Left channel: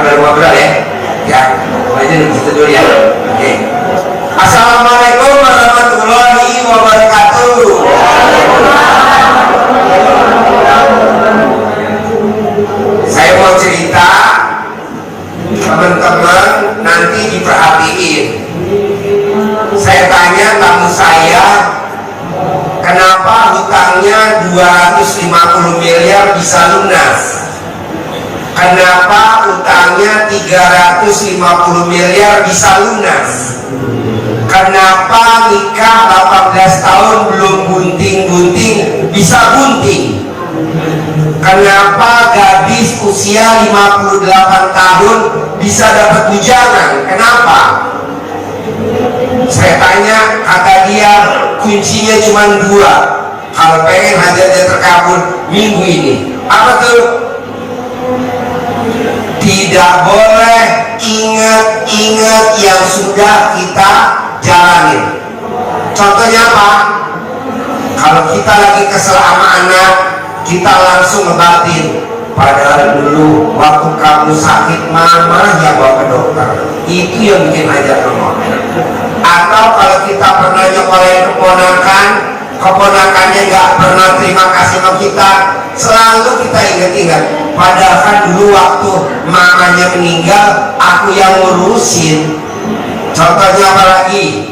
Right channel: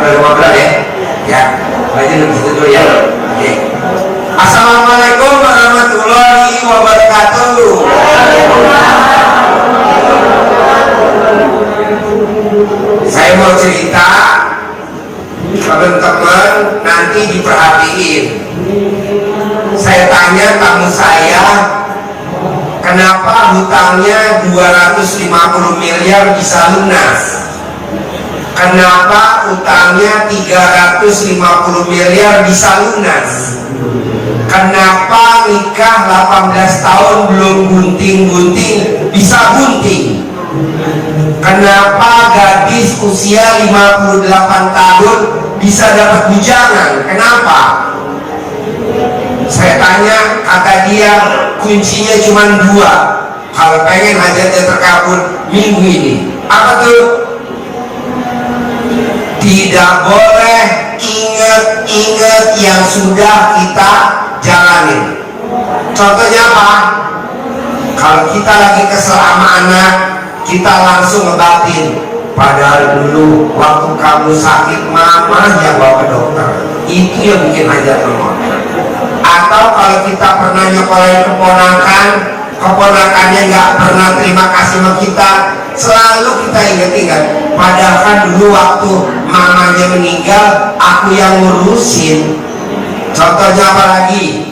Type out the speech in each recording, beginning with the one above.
baru ngobrol ya. Ya, baca dulu situ dulu ya. Oke. Assalamualaikum warahmatullahi wabarakatuh. Saya mau cerita, teman-teman nanti diperhatiin. Saya tanya tamu saya, kenapa hutangnya 250 miliar bisa lunas? Kenapa utangnya 350 miliar bisa lunas? Kenapa nikah 18 tahun belum bunting-bunting bisa bunting? Kenapa gadis usia 58 tahun bisa dapat bujangan? Kenapa? Saya tanya, kata dia kuncinya cuma 2 kalau pengen hajatnya terkabul minggu ini. Apa tuh? Tidak boleh ingat-ingat yang sudah kita jalanin. Contohnya apa? Kalau kita lagi kesel sama anak, kita langsung ngebatin, padahal dulu waktu kamu sakit mama yang bawa ke dokter. Itu yang bikin hajat lemot. Atau kalau kita pernah nyekolahin keponakannya nggak pernah terima kasih sama kita, selalu kita ingat-ingat, padahal kan dulu waktu mamanya meninggal aku yang ngurusin. Contohnya apa lagi?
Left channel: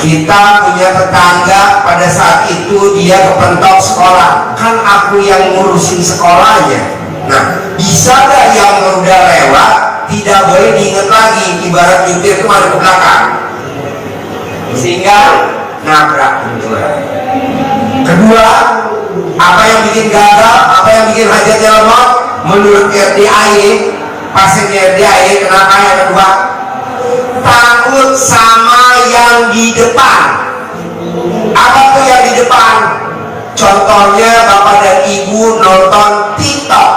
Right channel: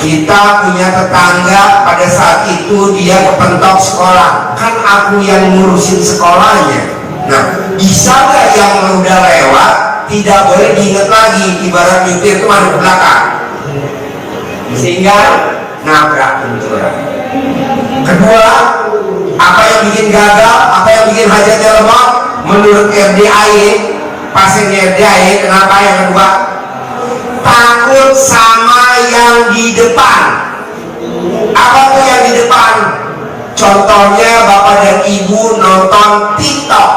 Kita punya tetangga, pada saat itu dia kepentok sekolah, kan aku yang ngurusin sekolahnya. Nah, bisa gak yang udah lewat tidak boleh diingat lagi? Ibarat nyetir itu masuk ke belakang sehingga nabrak benturan. Kedua, apa yang bikin gagal, apa yang bikin hajatnya lemot? Menurut RDAE, pasiennya RDAE, kenapa? Yang kedua, takut sama yang di depan. Apa tuh yang di depan? Contohnya bapak dan ibu nonton TikTok,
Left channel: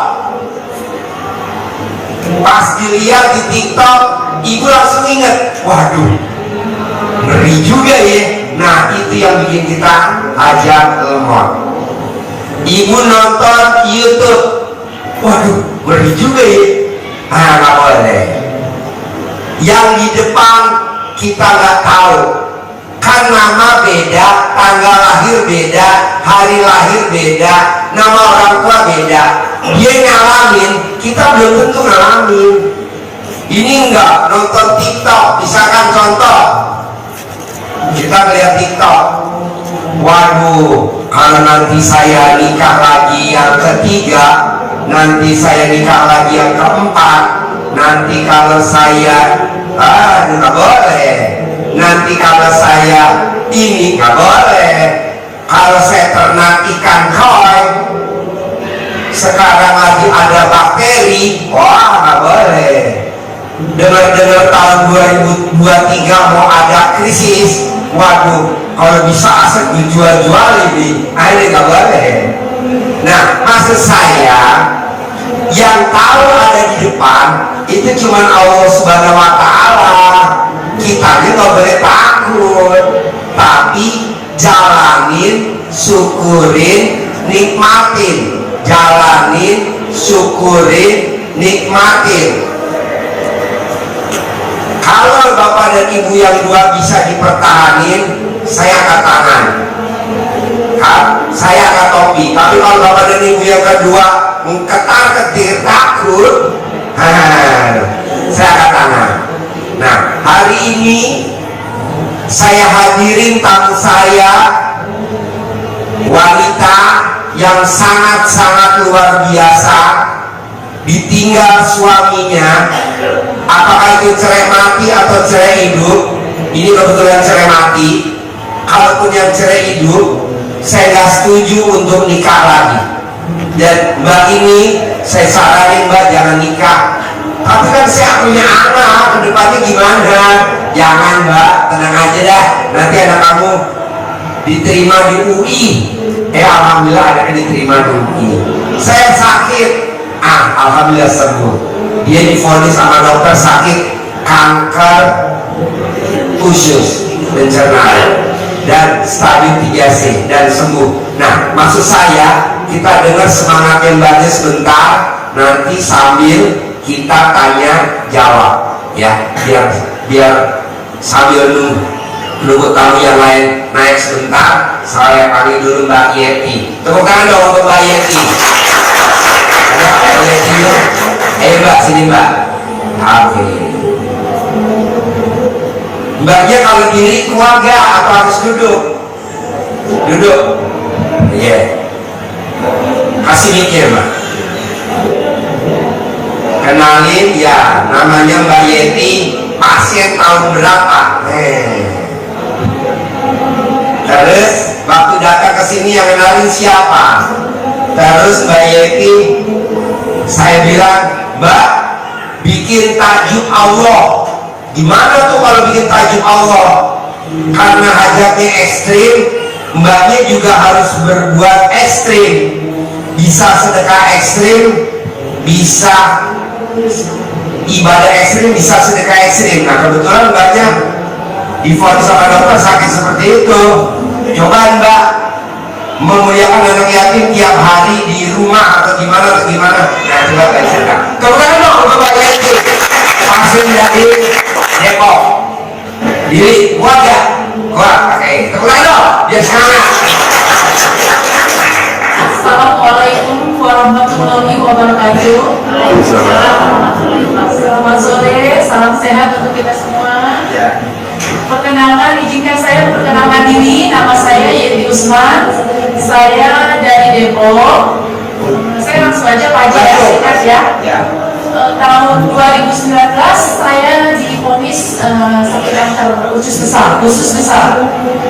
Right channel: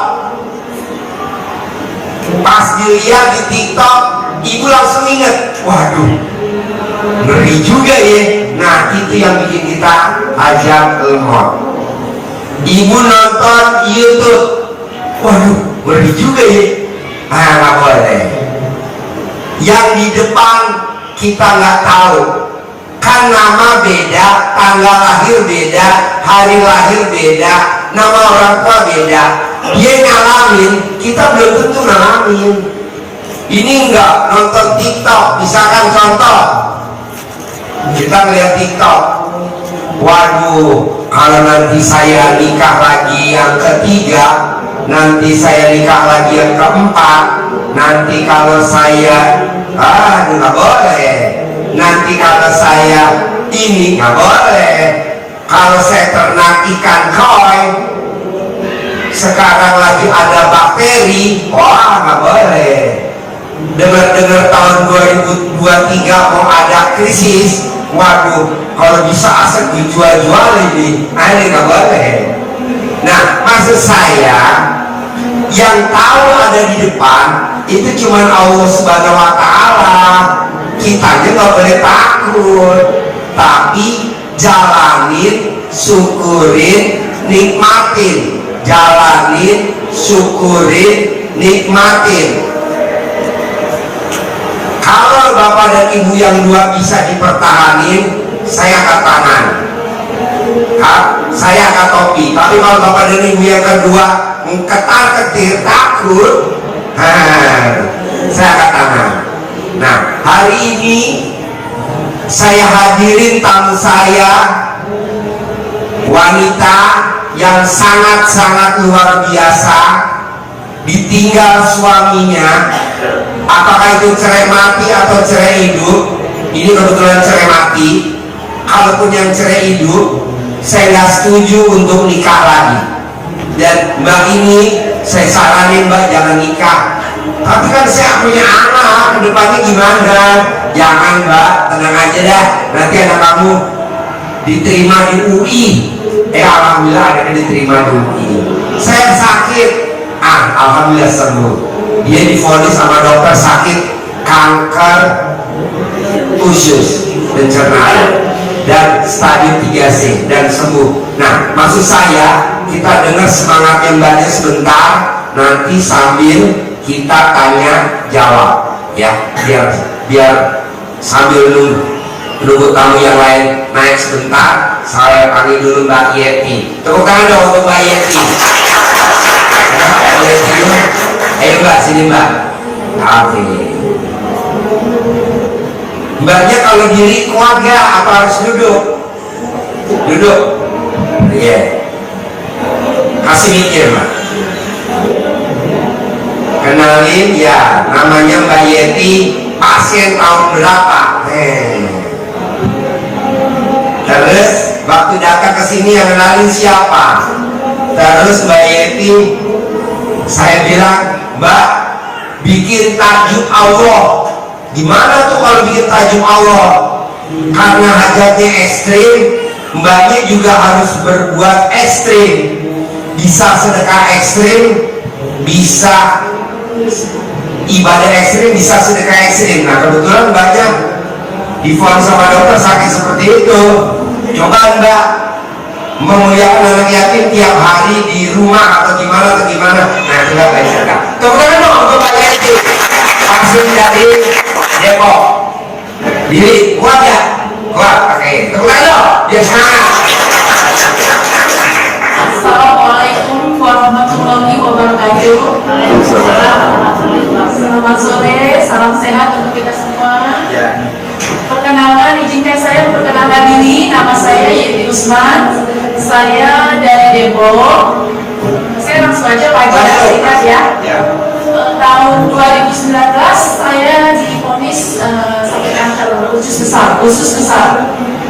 pas dilihat di TikTok ibu langsung inget, waduh ngeri juga ya. Nah itu yang bikin kita hajat lemot. Ibu nonton YouTube, waduh ngeri juga ya. Nggak boleh. Yang di depan kita nggak tahu, kan nama beda, tanggal lahir beda, hari lahir beda, nama orang tua beda. Dia ngalamin, kita belum tentu ngalamin. Ini enggak nonton TikTok, misalkan contoh kita ngeliat TikTok, waduh kalau nanti saya nikah lagi yang ketiga, nanti saya nikah lagi yang keempat, nanti kalau saya nggak boleh, nanti kalau saya ini nggak boleh, kalau saya ternak ikan koi sekarang lagi ada bakteri, wah nggak boleh. Dengar-dengar tahun 2023 mau ada krisis, waduh kalau bisa aset dijual-jual ini nggak boleh. Nah maksud saya, yang tahu ada di depan itu cuma Allah Subhanahu wa Ta'ala. Kitanya nggak boleh takut, tapi jalanin, syukurin, nikmatin. Jalanin, syukurin, nikmatin. Kalau bapak dan ibu yang dua bisa dipertahanin, saya angkat tangan, saya angkat topi. Tapi kalau bapak dan ibu yang kedua ketar-ketir takut, saya angkat tangan. Nah hari ini saya hadirin tamu saya, wanita yang sangat-sangat luar biasa, ditinggal suaminya. Apakah itu cerai mati atau cerai hidup? Ini kebetulan cerai mati. Kalaupun yang cerai hidup, saya nggak setuju untuk nikah lagi. Dan mbak ini saya saranin, mbak jangan nikah. Tapi kan saya punya anak, kedepannya gimana? Jangan mbak, tenang aja dah. Nanti anak kamu diterima di UI. Alhamdulillah anaknya diterima di UI. Saya sakit, alhamdulillah sembuh. Dia divonis sama dokter sakit kanker usus pencernaan dan stadium 3C dan sembuh. Nah maksud saya, kita dengar semangatnya mbaknya sebentar, nanti sambil kita tanya jawab ya, biar sambil nunggu tamu yang lain naik sebentar, saya panggil dulu Mbak Yeti. Tepuk tangan dong untuk Mbak Yeti. Ada Mbak Yeti ya? Ayo Mbak, sini Mbak. Oke. Mbaknya kalau diri kuat gak atau harus duduk? Duduk. Iya. Yeah. Kasih mikir Mbak. Kenalin ya, namanya Mbak Yeti, pasien tahun berapa? Terus waktu datang ke sini yang kenalin siapa? Terus Mbak Yeti, saya bilang, Mbak, bikin tajuk Allah. Gimana tuh kalau bikin tajuk Allah? Karena hajatnya ekstrim, Mbaknya juga harus berbuat ekstrim. Bisa sedekah ekstrim, bisa ibadah ekstrim, bisa sedekah ekstrim. Nah kebetulan Mbaknya divonis sama dokter sakit seperti itu. Coba Mbak memuliakan anak yatim tiap hari di rumah atau gimana. Nah coba Mbak cerita. Tepuk tangan dong untuk Mbak Yeti. Langsung dari Depok. Diri kuat ya? Kuat. Oke. Tepuk tangan dong biar semangat. Assalamualaikum warahmatullahi wabarakatuh. Selamat sore, salam sehat untuk kita semua. Ya. Perkenalkan, izinkan saya memperkenalkan diri. Nama saya Yeti Usman. Saya dari Depok. Saya langsung aja pagi ya, singkat ya. Tahun 2019 saya divonis sakit kanker usus besar.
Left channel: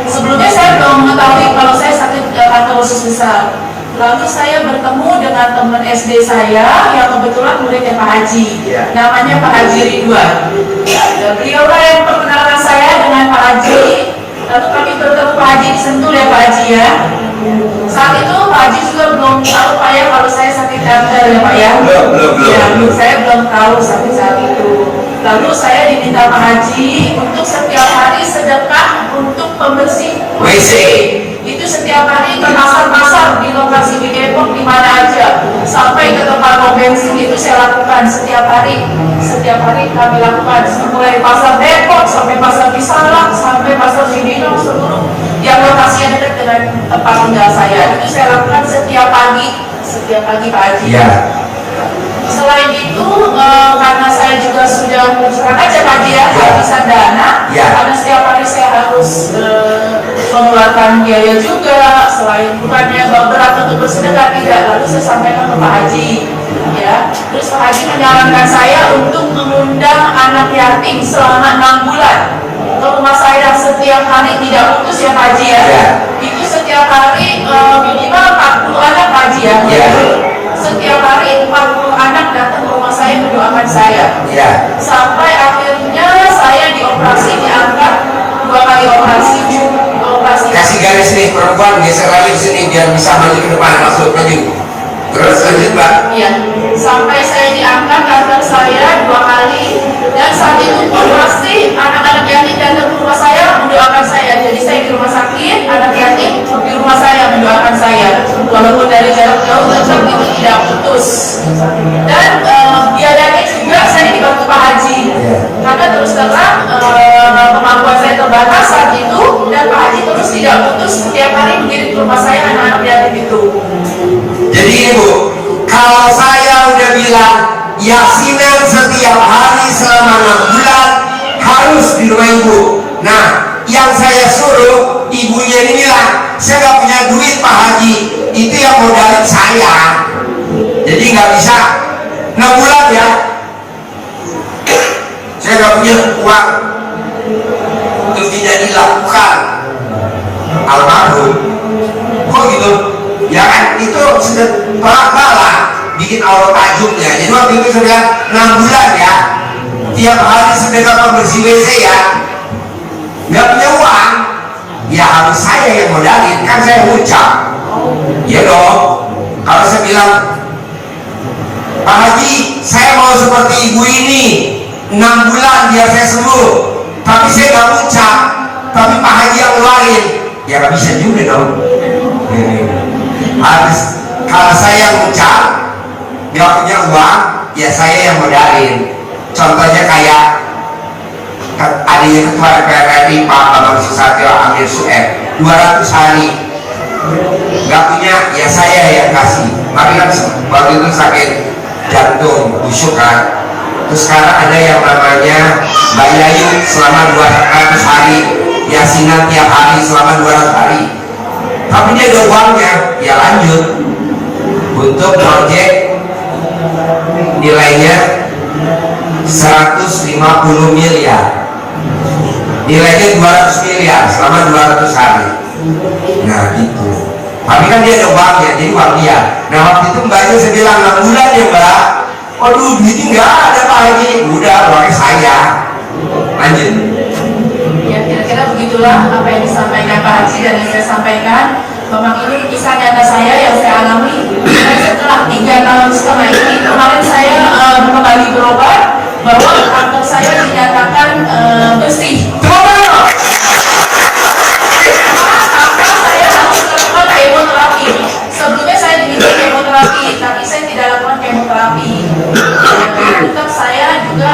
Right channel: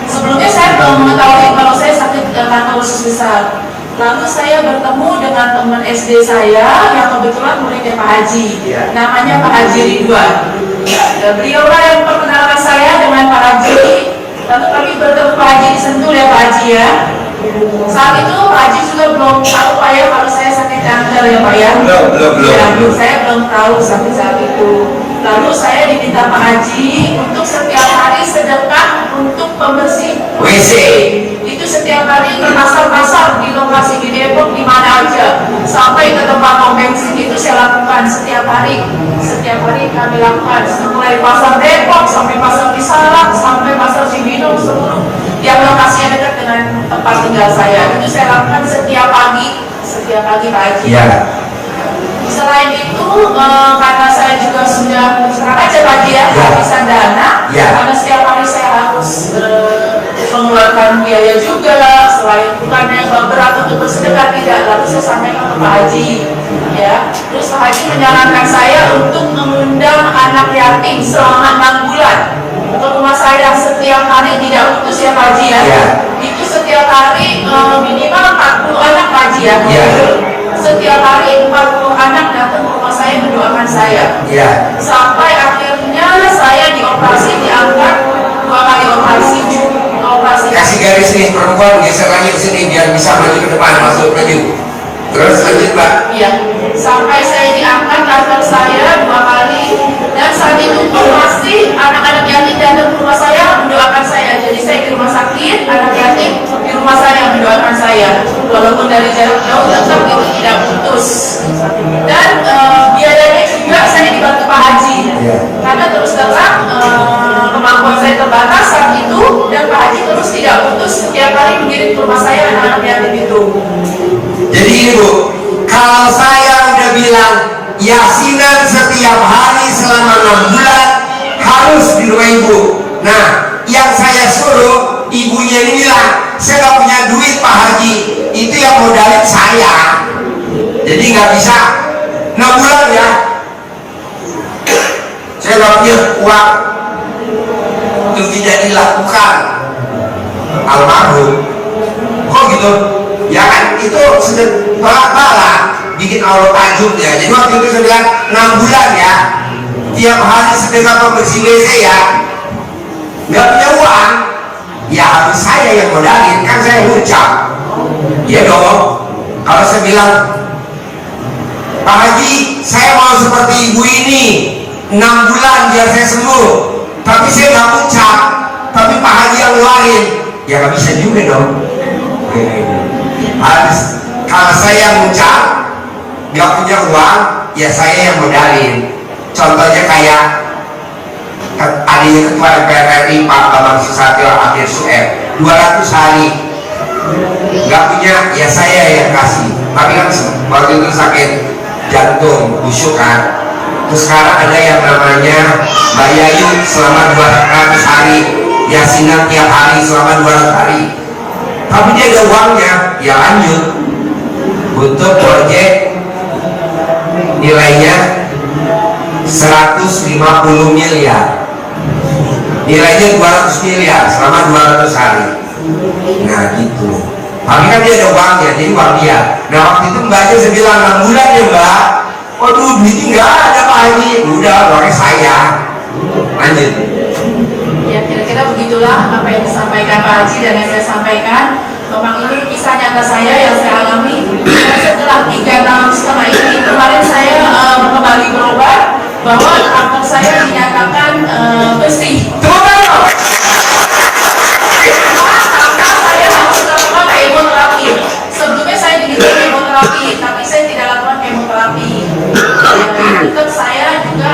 Sebelumnya saya belum mengetahui kalau saya sakit kanker usus besar. Lalu saya bertemu dengan teman SD saya yang kebetulan muridnya Pak Haji, namanya Pak Haji Ridwan. Beliau lah yang perkenalkan saya dengan Pak Haji. Lalu kami bertemu Pak Haji di Sentul ya Pak Haji ya. Saat itu Pak Haji juga belum tahu Pak ya kalau saya sakit kanker ya Pak ya. Belum. Saya belum tahu sampai saat itu. Lalu saya diminta Pak Haji untuk setiap hari sedekah untuk pembersih WC. Itu setiap hari ke pasar-pasar di lokasi di Depok di mana aja, sampai ke tempat pom bensin itu saya lakukan setiap hari kami lakukan, mulai pasar Depok sampai pasar Cisalak sampai pasar Cibinong, seluruh yang lokasinya dekat dengan tempat tinggal saya itu saya lakukan setiap pagi Pak Haji. Selain itu karena saya juga sudah serang aja Pak Haji ya, kehabisan dana, karena setiap hari saya harus mengeluarkan biaya juga, selain bukannya berat untuk bersedekah tidak. Lalu saya sampaikan ke Pak Haji ya, terus Pak Haji menyarankan saya untuk mengundang anak yatim selama 6 bulan ke rumah saya setiap hari, tidak putus ya Pak Haji ya. Itu setiap hari minimal 40 anak Pak Haji ya. Setiap hari 40 anak datang ke rumah saya mendoakan saya. Sampai akhirnya saya dioperasi, diangkat 2 kali operasi. Kasih garis nih perempuan, geser lagi ke sini biar bisa maju ke depan, masuk maju. Terus lanjut Mbak. Iya. Sampai saya diangkat kanker saya 2 kali, dan saat itu pun masih anak-anak yatim datang ke rumah saya mendoakan saya. Jadi saya di rumah sakit, anak yatim di rumah saya mendoakan saya. Walaupun dari jarak jauh tetap itu tidak putus. Dan biayanya juga saya dibantu Pak Haji. Karena terus terang kemampuan saya terbatas saat itu, dan Pak Haji terus tidak putus setiap hari mengirim ke rumah saya anak-anak yatim itu. Jadi ini Bu, kalau saya udah bilang yasinan setiap hari selama 6 bulan harus di rumah Ibu. Nah, yang saya suruh ibunya ini bilang, saya nggak punya duit Pak Haji, itu yang modalin saya. Jadi nggak bisa 6 bulan ya. Saya nggak punya uang untuk tidak dilakukan. Almarhum, kok gitu? Ya kan itu sudah tolak-bala bikin awal tajuknya. Jadi waktu itu saya bilang 6 bulan ya, tiap hari sedekah pembersih WC ya. Nggak punya uang, ya harus saya yang modalin, kan saya ucap. Ya dong. Kalau saya bilang, Pak Haji, saya mau seperti ibu ini 6 bulan biar saya sembuh, tapi saya nggak ucap, tapi Pak Haji yang ngeluarin, ya nggak bisa juga dong. Harus, kalau saya ngucap nggak punya uang, ya saya yang modalin. Contohnya kayak adanya Ketua DPR RI Pak Bambang Susatyo Amir Sueb 200 hari nggak punya, ya saya yang kasih. Tapi kan waktu itu sakit jantung busuk kan. Terus sekarang ada yang namanya Mbak Yayu selama 200 hari, yasinan tiap hari selama 200 hari. Tapi dia ada uangnya, ya lanjut untuk proyek nilainya 150 miliar, nilainya 200 miliar selama 200 hari. Nah gitu. Tapi kan dia ada uangnya, jadi uang dia. Nah waktu itu mbaknya saya bilang 6 bulan ya mbak. Waduh duitnya nggak ada Pak Haji. Udah uangnya saya. Lanjut. Ya kira-kira begitulah apa yang disampaikan Pak Haji dan yang saya sampaikan. Memang ini kisah nyata saya yang saya alami. Setelah 3 tahun setengah ini, kemarin saya kembali berobat bahwa kanker saya dinyatakan bersih. Maka saya harus melakukan kemoterapi. Sebelumnya saya diminta kemoterapi, tapi saya tidak lakukan kemoterapi. Tetap saya juga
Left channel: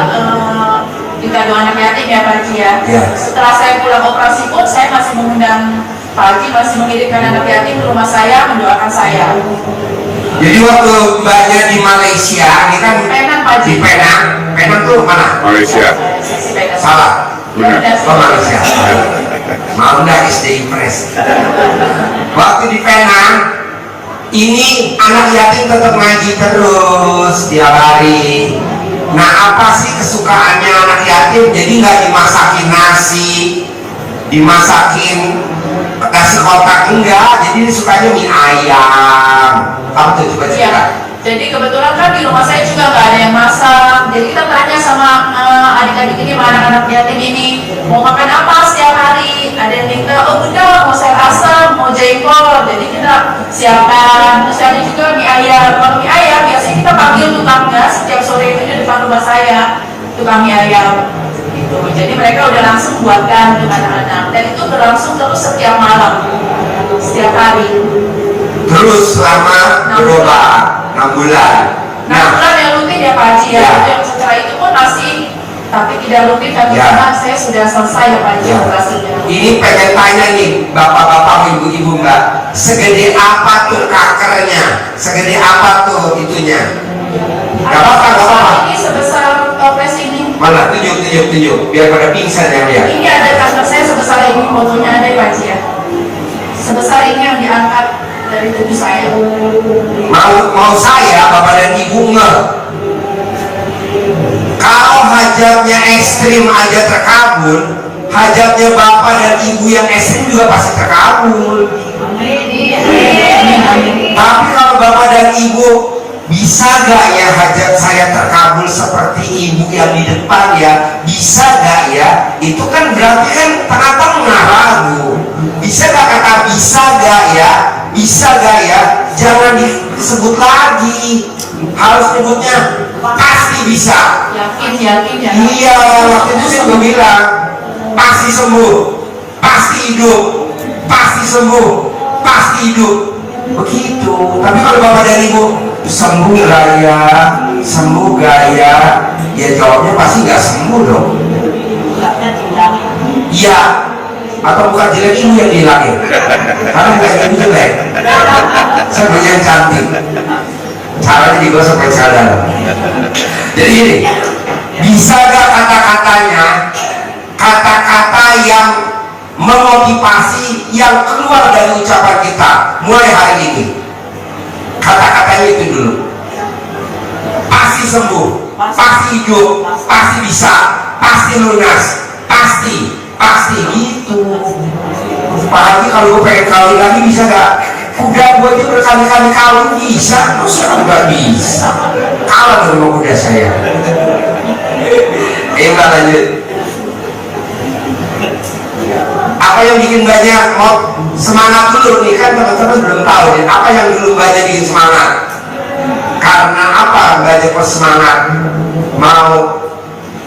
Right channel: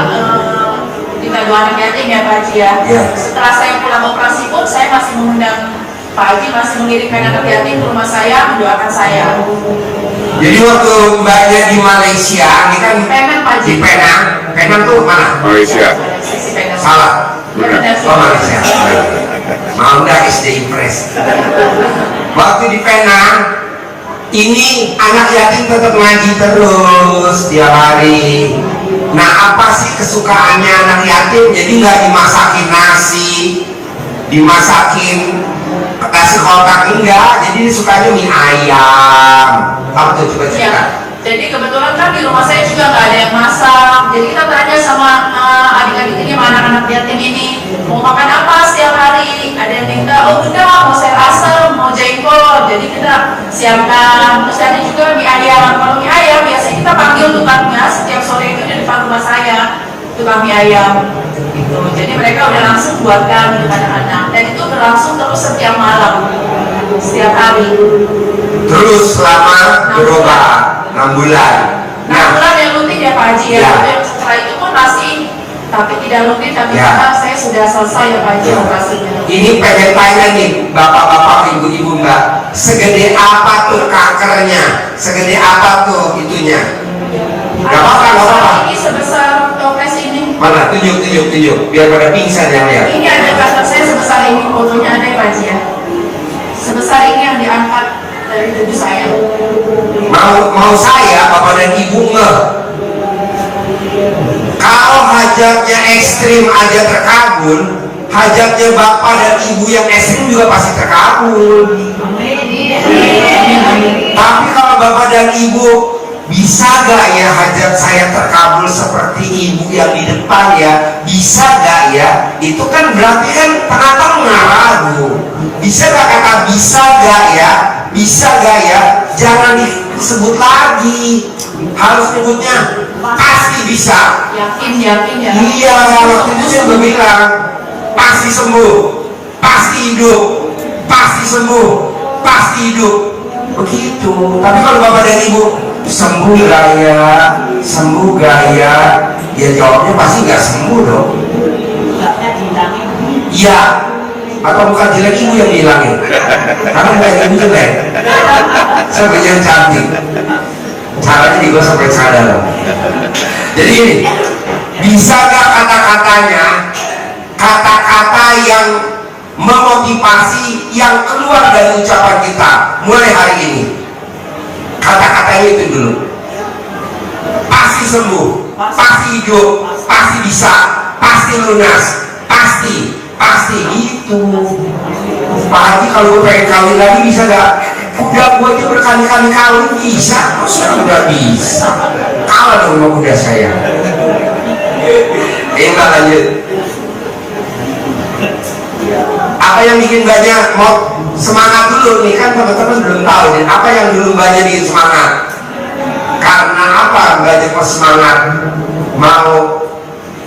ditandu anak yatim ya Pak Haji ya. Setelah saya pulang operasi pun saya masih mengundang Pak Haji, masih mengirimkan anak yatim ke rumah saya mendoakan saya. Jadi waktu mbaknya di Malaysia, ini kan Penang Pak Haji. di Penang. Penang tuh mana? Malaysia. Salah. Benar. Oh Malaysia. Mau nggak SD Impress? Waktu di Penang, ini anak yatim tetap ngaji terus tiap hari. Nah apa sih kesukaannya anak yatim? Jadi nggak dimasakin nasi, dimasakin nasi kotak enggak. Jadi sukanya mie ayam. Kamu tuh coba cerita. Iya. Jadi kebetulan kan di rumah saya juga nggak ada yang masak. Jadi kita tanya sama adik-adik ini, sama anak-anak yatim ini, mau makan apa setiap hari? Ada yang minta, oh bunda mau sayur asam, mau jengkol. Jadi kita siapkan. Terus ada juga mie ayam. Kalau mie ayam biasanya kita panggil tukangnya setiap sore itu di depan rumah saya, tukang mie ayam. Gitu. Jadi mereka udah langsung buatkan untuk anak-anak. Dan itu berlangsung terus setiap malam, setiap hari. Terus selama berobat 6 bulan. 6 bulan yang rutin ya Pak Haji ya. Ya. Yang setelah itu pun masih, tapi tidak rutin tapi Ya. karena saya sudah selesai ya Pak Haji Ya. operasinya. Ini pengen tanya nih, bapak-bapak, ibu-ibu mbak, segede apa tuh kankernya? Segede apa tuh itunya? Gak apa-apa, gak apa-apa. Ini sebesar toples ini. Mana? Tunjuk, biar pada pingsan yang lihat. Ini ada kanker saya sebesar ini, fotonya ada ya Pak Haji ya. Sebesar ini yang diangkat dari tubuh saya. Mau saya, bapak dan ibu nge. Kalau hajatnya ekstrim aja terkabul, hajatnya bapak dan ibu yang ekstrim juga pasti terkabul. Tapi kalau bapak dan ibu, bisa gak ya hajat saya terkabul seperti ibu yang di depan ya? Bisa gak ya? Itu kan berarti kan tengah-tengah ragu. Bisa gak kata bisa gak ya? Bisa gak ya? Jangan disebut lagi. Harus nyebutnya pasti bisa. Yakin ya. Iya, waktu itu saya juga bilang pasti sembuh, pasti hidup, pasti sembuh, pasti hidup. Begitu. Tapi kalau bapak dan ibu sembuh gak ya? Sembuh gak ya? Ya jawabnya pasti gak sembuh dong. Iya. Atau bukan jelek, ibu yang dihilangin. Karena bukan ibu jelek, sebenarnya yang cantik. Caranya digosok pakai cadar. Jadi gini, bisa gak kata-katanya, kata-kata yang memotivasi yang keluar dari ucapan kita mulai hari ini? Kata-katanya itu dulu. Pasti sembuh, pasti hidup, pasti bisa, pasti lunas, pasti gitu. Pak Haji, kalau gue pengen kawin lagi bisa gak? Kuda gue aja berkali-kali kawin bisa, masa nggak bisa? Kalah dong sama kuda saya. Mbak lanjut. Apa yang bikin banyak mau semangat dulu nih, kan teman-teman belum tahu nih apa yang dulu banyak bikin semangat. Karena apa banyak semangat? Mau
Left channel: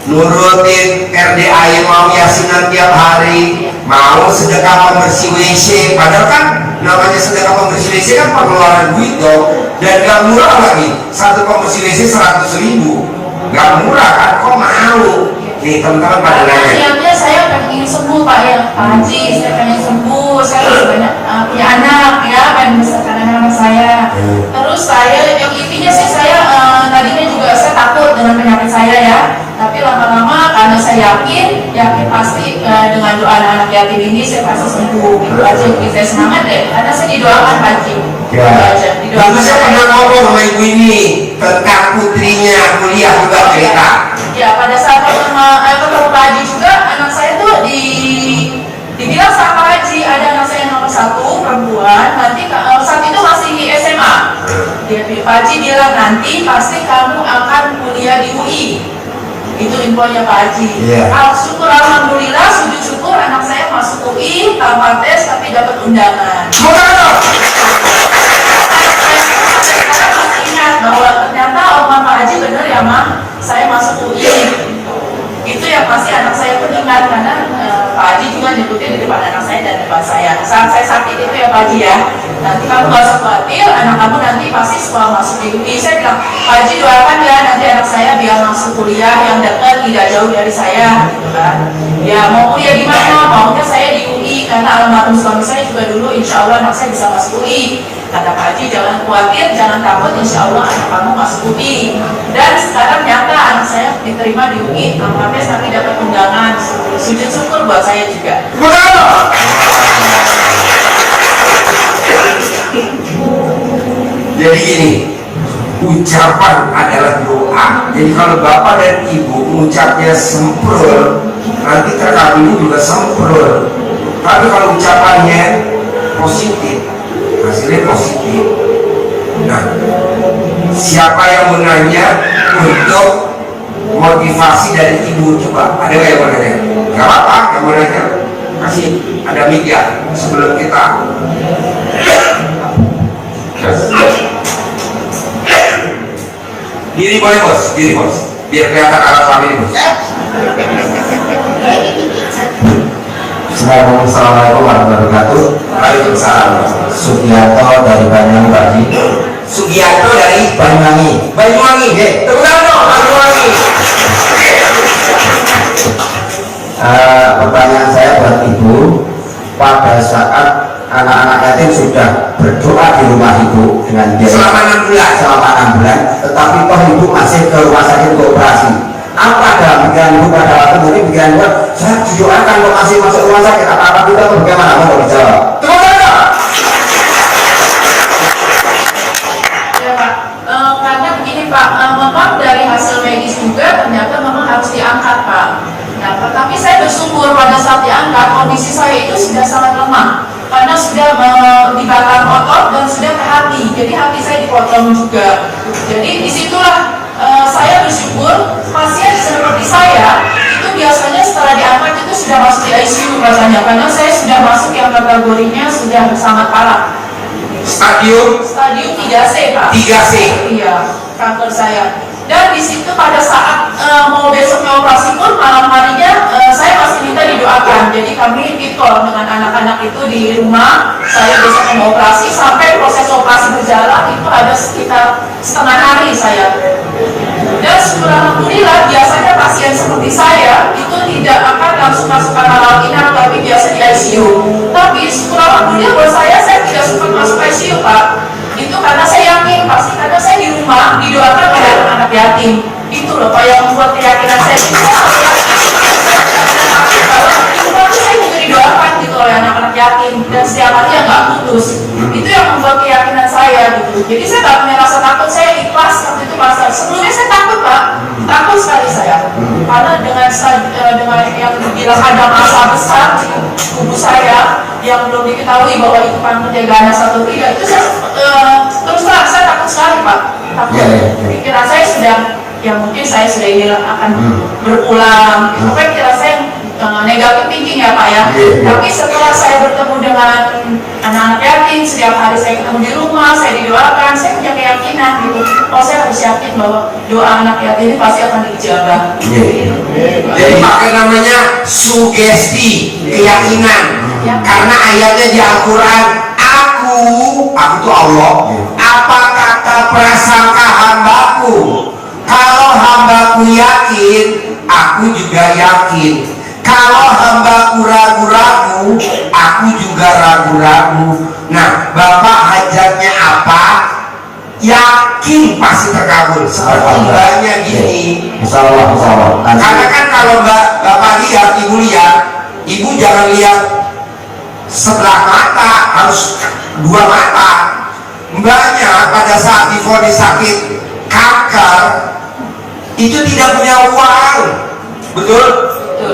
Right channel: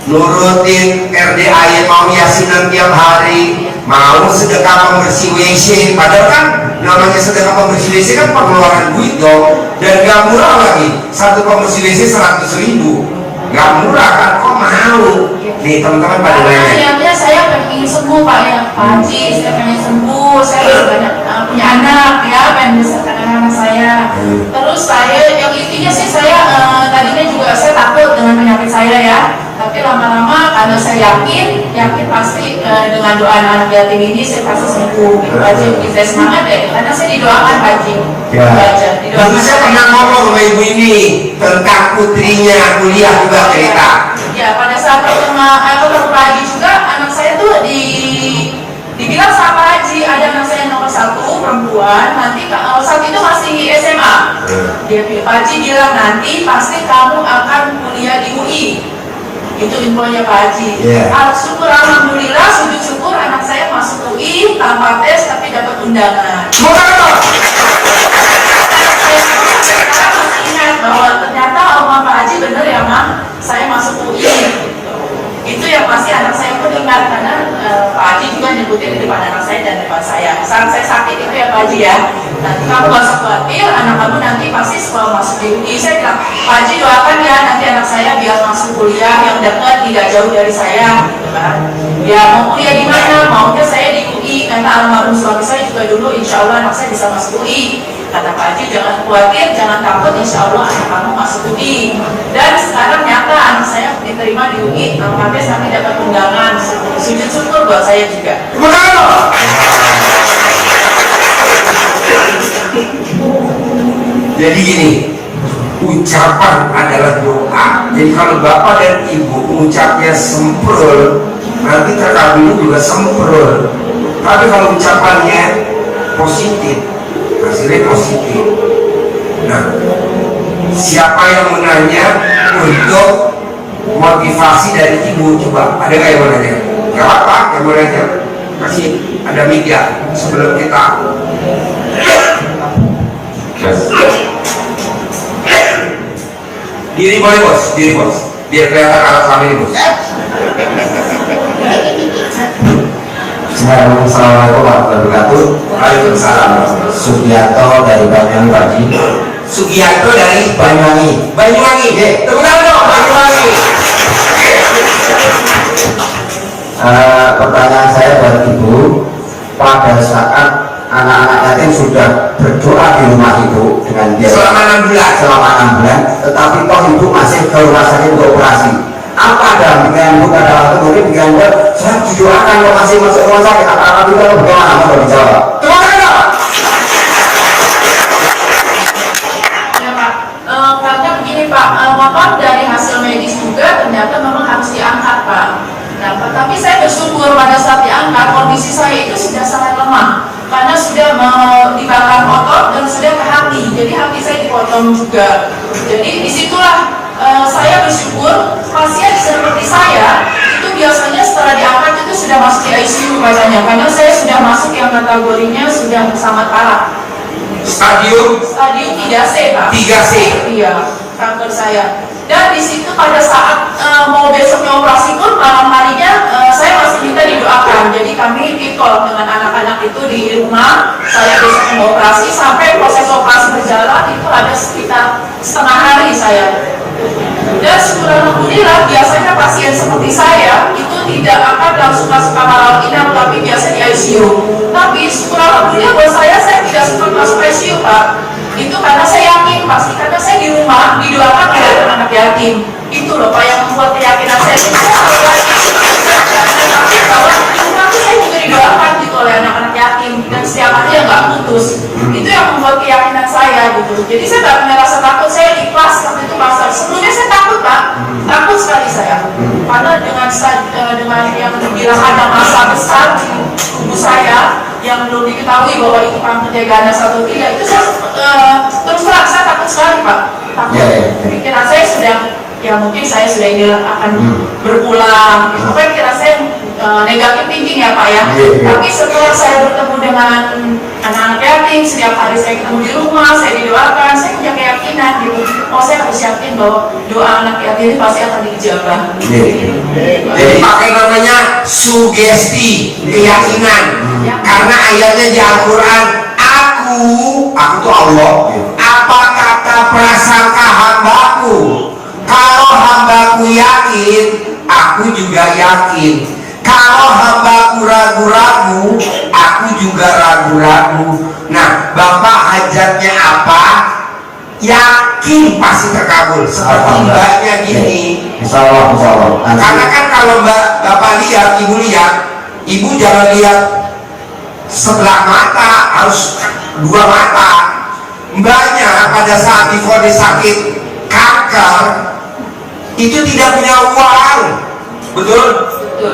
nurutin RDA, mau yasinan tiap hari, mau sedekah pembersih WC, padahal kan namanya sedekah pembersih WC kan pengeluaran duit dong, dan gak murah lagi. Satu pembersih WC 100.000, gak murah kan, kok mau? Nih teman-teman pada nanya. Niatnya saya pengen sembuh Pak ya, Pak Haji, saya pengen sembuh, saya masih banyak punya anak ya, pengen membesarkan anak-anak saya. Terus saya, yang intinya sih saya tadinya juga saya takut dengan penyakit saya ya, tapi lama-lama karena saya yakin pasti dengan doa anak-anak yatim ini saya pasti sembuh. Gitu aja, bikin saya semangat deh, karena saya didoakan Pak Haji. Ya. Didoakan. Saya pernah ngobrol sama ibu ini tentang putrinya kuliah juga cerita. Ya, pada saat ketemu Pak Haji juga, anak saya tuh dibilang sama Pak Haji, ada anak saya nomor 1 perempuan, nanti saat itu masih SMA. Pak Haji bilang nanti pasti kamu akan kuliah di UI. Itu infonya Pak Haji. Syukur alhamdulillah, sujud syukur anak saya masuk UI tanpa tes tapi dapat undangan. Anak saya sampai sekarang masih ingat bahwa ternyata omah Pak Haji bener ya Mah, saya masuk UI. Itu yang pasti anak saya pun ingat, karena Pak Haji juga nyebutin di depan anak saya dan depan saya. Saat saya sakit itu ya Pak Haji ya, nanti kamu gak usah khawatir, anak kamu nanti pasti sekolah masuk di UI. Saya bilang, Pak Haji doakan ya nanti anak saya biar masuk kuliah yang dekat, tidak jauh dari saya, gitu kan. Ya mau kuliah di mana? Maunya saya di UI, karena almarhum suami saya juga dulu insya Allah anak saya bisa masuk UI. Kata Pak Haji, jangan khawatir, jangan takut, insya Allah anak kamu masuk UI. Dan sekarang nyata anak saya diterima di UI, tanpa tes tapi dapat undangan. Sujud syukur buat saya juga. Jadi gini, ucapan adalah doa. Jadi kalau bapak dan ibu mengucapnya semprul, nanti terkabul juga semprul. Tapi kalau ucapannya positif, hasilnya positif. Nah, siapa yang mau nanya untuk motivasi dari ibu? Coba, ada nggak yang mau nanya? Gak apa-apa, yang mau nanya kasih, ada media sebelum kita. Diri boleh bos, diri bos, biar kelihatan alat kami ini bos. Assalamualaikum warahmatullahi wabarakatuh. Waalaikumsalam. Sugiarto dari Banyuwangi Pak Haji. Sugiarto dari Banyuwangi. Banyuwangi. Tepuk tangan dong, Banyuwangi. Pertanyaan saya buat ibu, pada saat anak-anak yatim sudah berdoa di rumah ibu dengan biaya Selama 6 bulan. selama 6 bulan, tetapi toh ibu masih ke rumah sakit untuk operasi. Apa dalam pikiran ibu, pada waktu mungkin pikiran ibu, saya didoakan kok masih masuk rumah sakit, apa itu atau bagaimana? Mau dijawab? Tepuk tangan dong. Ya Pak, karena begini Pak, memang dari hasil medis juga ternyata memang harus diangkat Pak. Nah, tapi saya bersyukur pada saat diangkat kondisi saya itu sudah sangat lemah, karena sudah dibakar otot dan sudah ke hati, jadi hati saya dipotong juga. Jadi disitulah saya bersyukur pasien seperti saya itu biasanya setelah diangkat itu sudah masuk di ICU katanya, karena saya sudah masuk yang kategorinya sudah sangat parah. Stadium 3C Pak. 3C. Iya, kanker saya. Dan di situ pada saat mau besoknya operasi pun malam harinya saya masih minta didoakan. Jadi kami pitcall dengan anak-anak itu di rumah. Saya besok mau operasi, sampai proses operasi berjalan itu ada sekitar setengah hari saya. Dan syukur alhamdulillah, biasanya pasien seperti saya itu tidak akan langsung masuk kamar rawat inap, tapi biasa di ICU. Tapi syukur alhamdulillah buat saya tidak sempat masuk ICU Pak. Itu karena saya yakin pasti, karena saya di rumah didoakan oleh anak yatim. Itu loh Pak yang membuat keyakinan saya itu, saya harus yakin dan takut bahwa di rumah itu saya juga didoakan gitu oleh anak-anak yatim, dan setiap hari ya nggak putus. Itu yang membuat keyakinan saya gitu. Jadi saya nggak punya rasa takut, saya ikhlas waktu itu pasar. Sebelumnya saya takut Pak, takut sekali saya, karena dengan yang dibilang ada masalah besar di tubuh saya yang belum diketahui bahwa itu kanker ganas atau tidak, itu saya terus terang saya takut sekali Pak, takut. Pikiran saya sudah, ya mungkin saya sudah ini akan berpulang, itu kan pikiran saya negatif thinking ya Pak ya. Tapi setelah saya bertemu dengan anak-anak yatim, setiap hari saya ketemu di rumah, saya didoakan, saya punya keyakinan gitu. Oh, saya harus yakin bahwa doa anak yatim ini pasti akan diijabah. Jadi pakai namanya sugesti, keyakinan. Karena ayatnya di Al-Quran, aku tuh Allah. Apa kata prasangka hambaku? Kalau hambaku yakin, aku juga yakin. Kalau hambaku ragu-ragu, aku juga ragu-ragu. Nah, Bapak hajatnya apa? Yakin pasti terkabul. Seperti mbaknya gini. Insya Allah. Karena kan kalau Bapak lihat, Ibu lihat, Ibu jangan lihat sebelah mata, harus dua mata. Mbaknya pada saat divonis sakit kanker itu tidak punya uang, betul? Betul.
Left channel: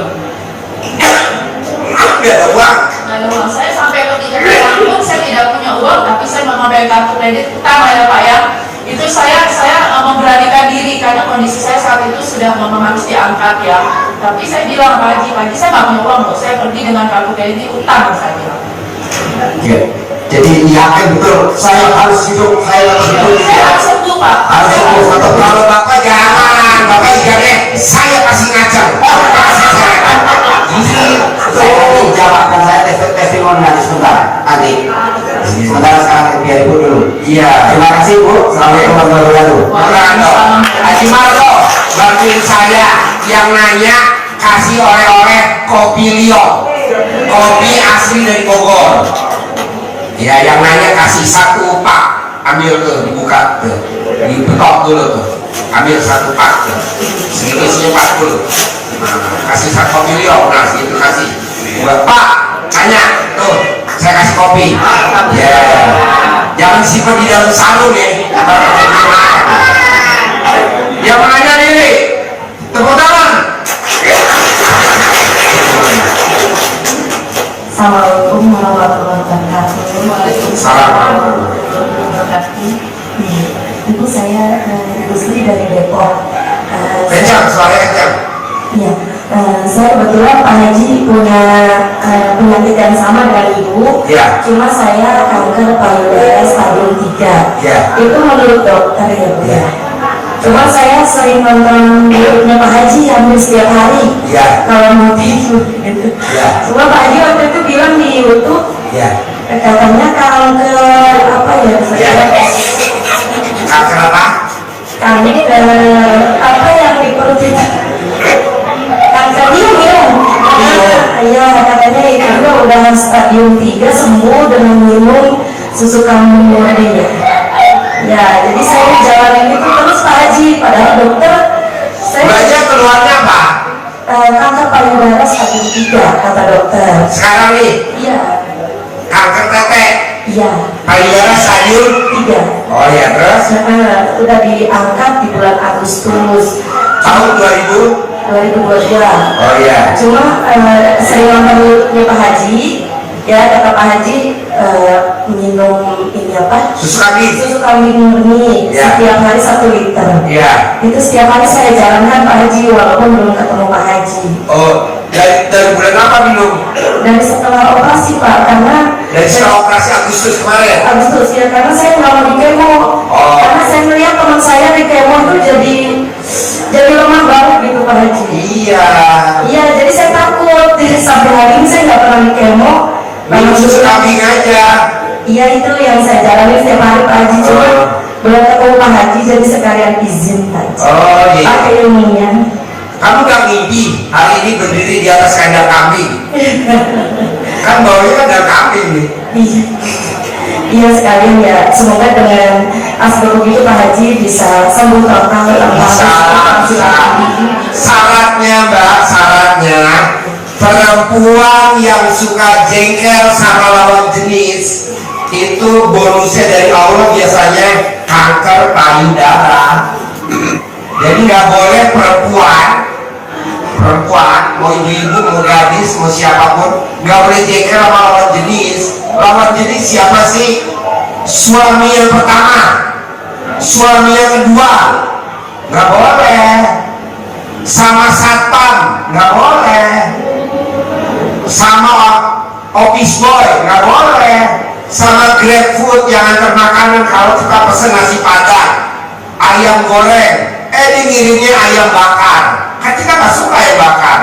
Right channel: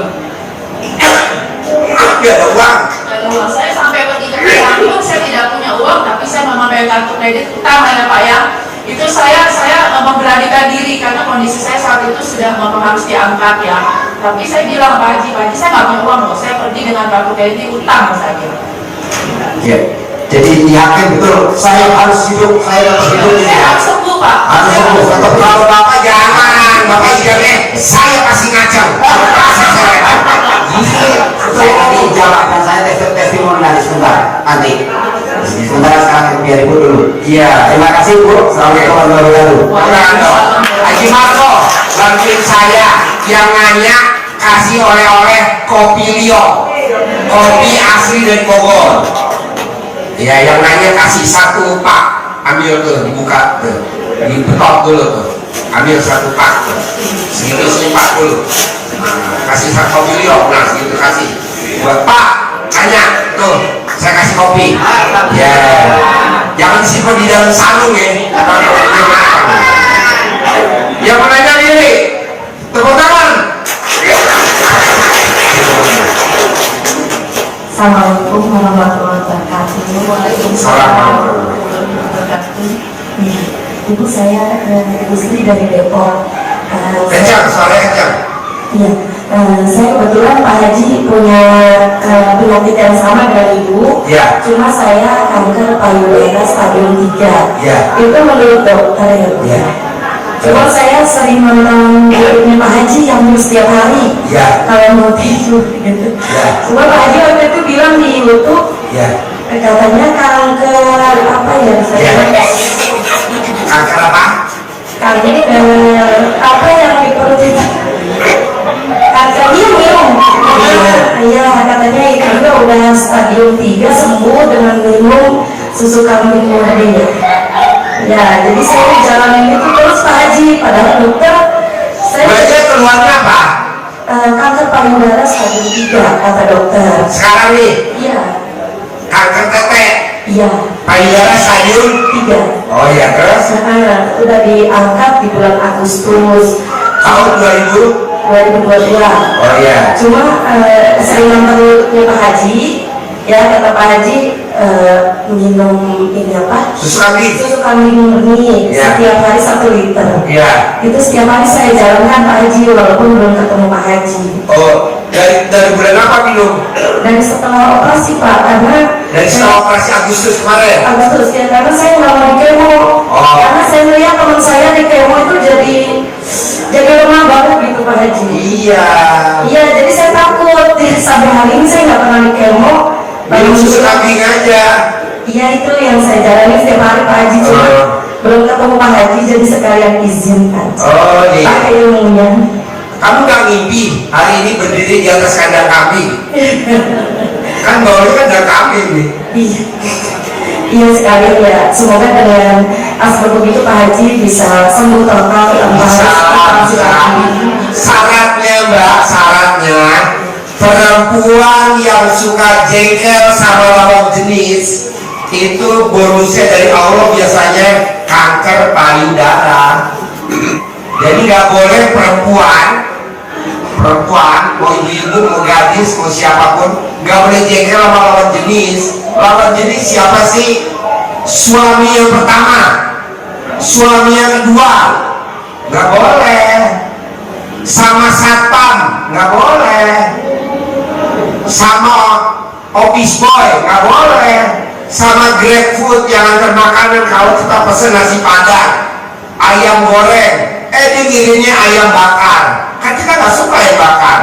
Nggak ada uang. Nggak ada uang. Saya sampai ke titik pun saya tidak punya uang, tapi saya memakai kartu kredit utama ya Pak ya. Itu saya memberanikan diri karena kondisi saya saat itu sudah harus diangkat ya. Tapi saya bilang Pak Haji, saya nggak punya uang loh. Saya pergi dengan kartu kredit utang saya bilang. Ya. Jadi yakin betul saya harus hidup, saya harus hidup ini Saya ya. harus sembuh Pak. Harus sembuh. Atau kalau Bapak jangan, Bapak jangan, saya kasih ngacang. Kasih saya. Saya nanti jawab dan saya testimoni nanti sebentar. Nanti. Sebentar sekarang biar Ibu dulu. Iya. Terima kasih Bu. Assalamualaikum warahmatullahi wabarakatuh. Haji Marco, bantuin saya yang nanya kasih oleh-oleh kopi Lio, kopi asli dari Bogor. Ya, yang nanya kasih satu pak, ambil tuh, dibuka tuh, dibetok dulu tuh, ambil satu pak tuh, segitu isinya 40. Nah, kasih satu kopi Lio, nah segitu kasih. Buat Pak, tanya tuh, saya kasih kopi. Ya, jangan simpan di dalam sarung ya. Yang menanya diri, tepuk tangan. Assalamualaikum warahmatullahi wabarakatuh. Waalaikumsalam. Ibu saya Ibu Sri dari Depok. Kencang, suaranya kencang. Iya, saya kebetulan Pak Haji punya penyakit yang sama dengan Ibu. Ya. Cuma saya kanker payudara stadium 3. Ya. Itu menurut dokter ya Bu. Ya. Cuma saya sering nonton YouTube-nya Pak Haji hampir setiap hari. Ya. Kalau mau tidur gitu. Ya. Cuma Pak Haji waktu itu bilang di YouTube Ya. katanya kanker apa ya? Ya. Kanker apa? Kanker apa yang di perut itu? Kanker minum. Iya katanya itu juga udah stadium 3 sembuh dengan minum susu kambing murni ya. Ya, jadi saya jalanin itu terus Pak Haji. Padahal dokter saya Banyak keluarnya apa? kanker payudara stadium 3 kata dokter. Sekarang nih, Iya, kanker tete, iya payudara stadium. 3. Oh ya, terus Udah diangkat di bulan Agustus tahun 2022. Oh ya. Cuma sering nonton YouTube-nya Pak Haji. Ya kata Pak Haji minum ini apa? Susu kambing. Susu kambing murni Ya. setiap hari 1 liter. Ya. Itu setiap hari saya jalankan Pak Haji walaupun belum ketemu Pak Haji. Oh, dari bulan apa minum? Dari setelah operasi Pak, karena Dari setelah operasi Agustus kemarin. Agustus ya, karena saya nggak mau di kemo. Oh. Karena saya melihat teman saya di kemo itu jadi lemah banget gitu Pak Haji. Iya. Iya, jadi saya takut sampai hari ini saya nggak pernah di kemo. Minum susu kambing aja. Iya itu yang saya jalani setiap hari Pak Haji. Cuma Oh. belum ketemu Pak Haji jadi sekalian izin aja. Oh iya. Pakai ilmunya. Kamu gak ngimpi hari ini berdiri di atas kandang kambing? Kan baunya kandang kambing nih. Iya. Iya sekalian ya. Semoga dengan asbab begitu Pak Haji bisa sembuh total tanpa Bisa. operasi lagi. Syaratnya Mbak, syaratnya perempuan yang suka jengkel sama lawan jenis itu bonusnya dari Allah biasanya kanker payudara. Jadi nggak boleh perempuan mau ibu-ibu, mau gadis, mau siapapun nggak boleh jengkel sama lawan jenis. Lawan jenis siapa sih? Suami yang pertama, suami yang kedua, nggak boleh. Sama satpam nggak boleh, sama office boy nggak boleh, sama GrabFood yang antar makanan. Kalau kita pesen nasi padang, ayam goreng, dia ngirimnya ayam bakar. Kan kita nggak suka ayam bakar,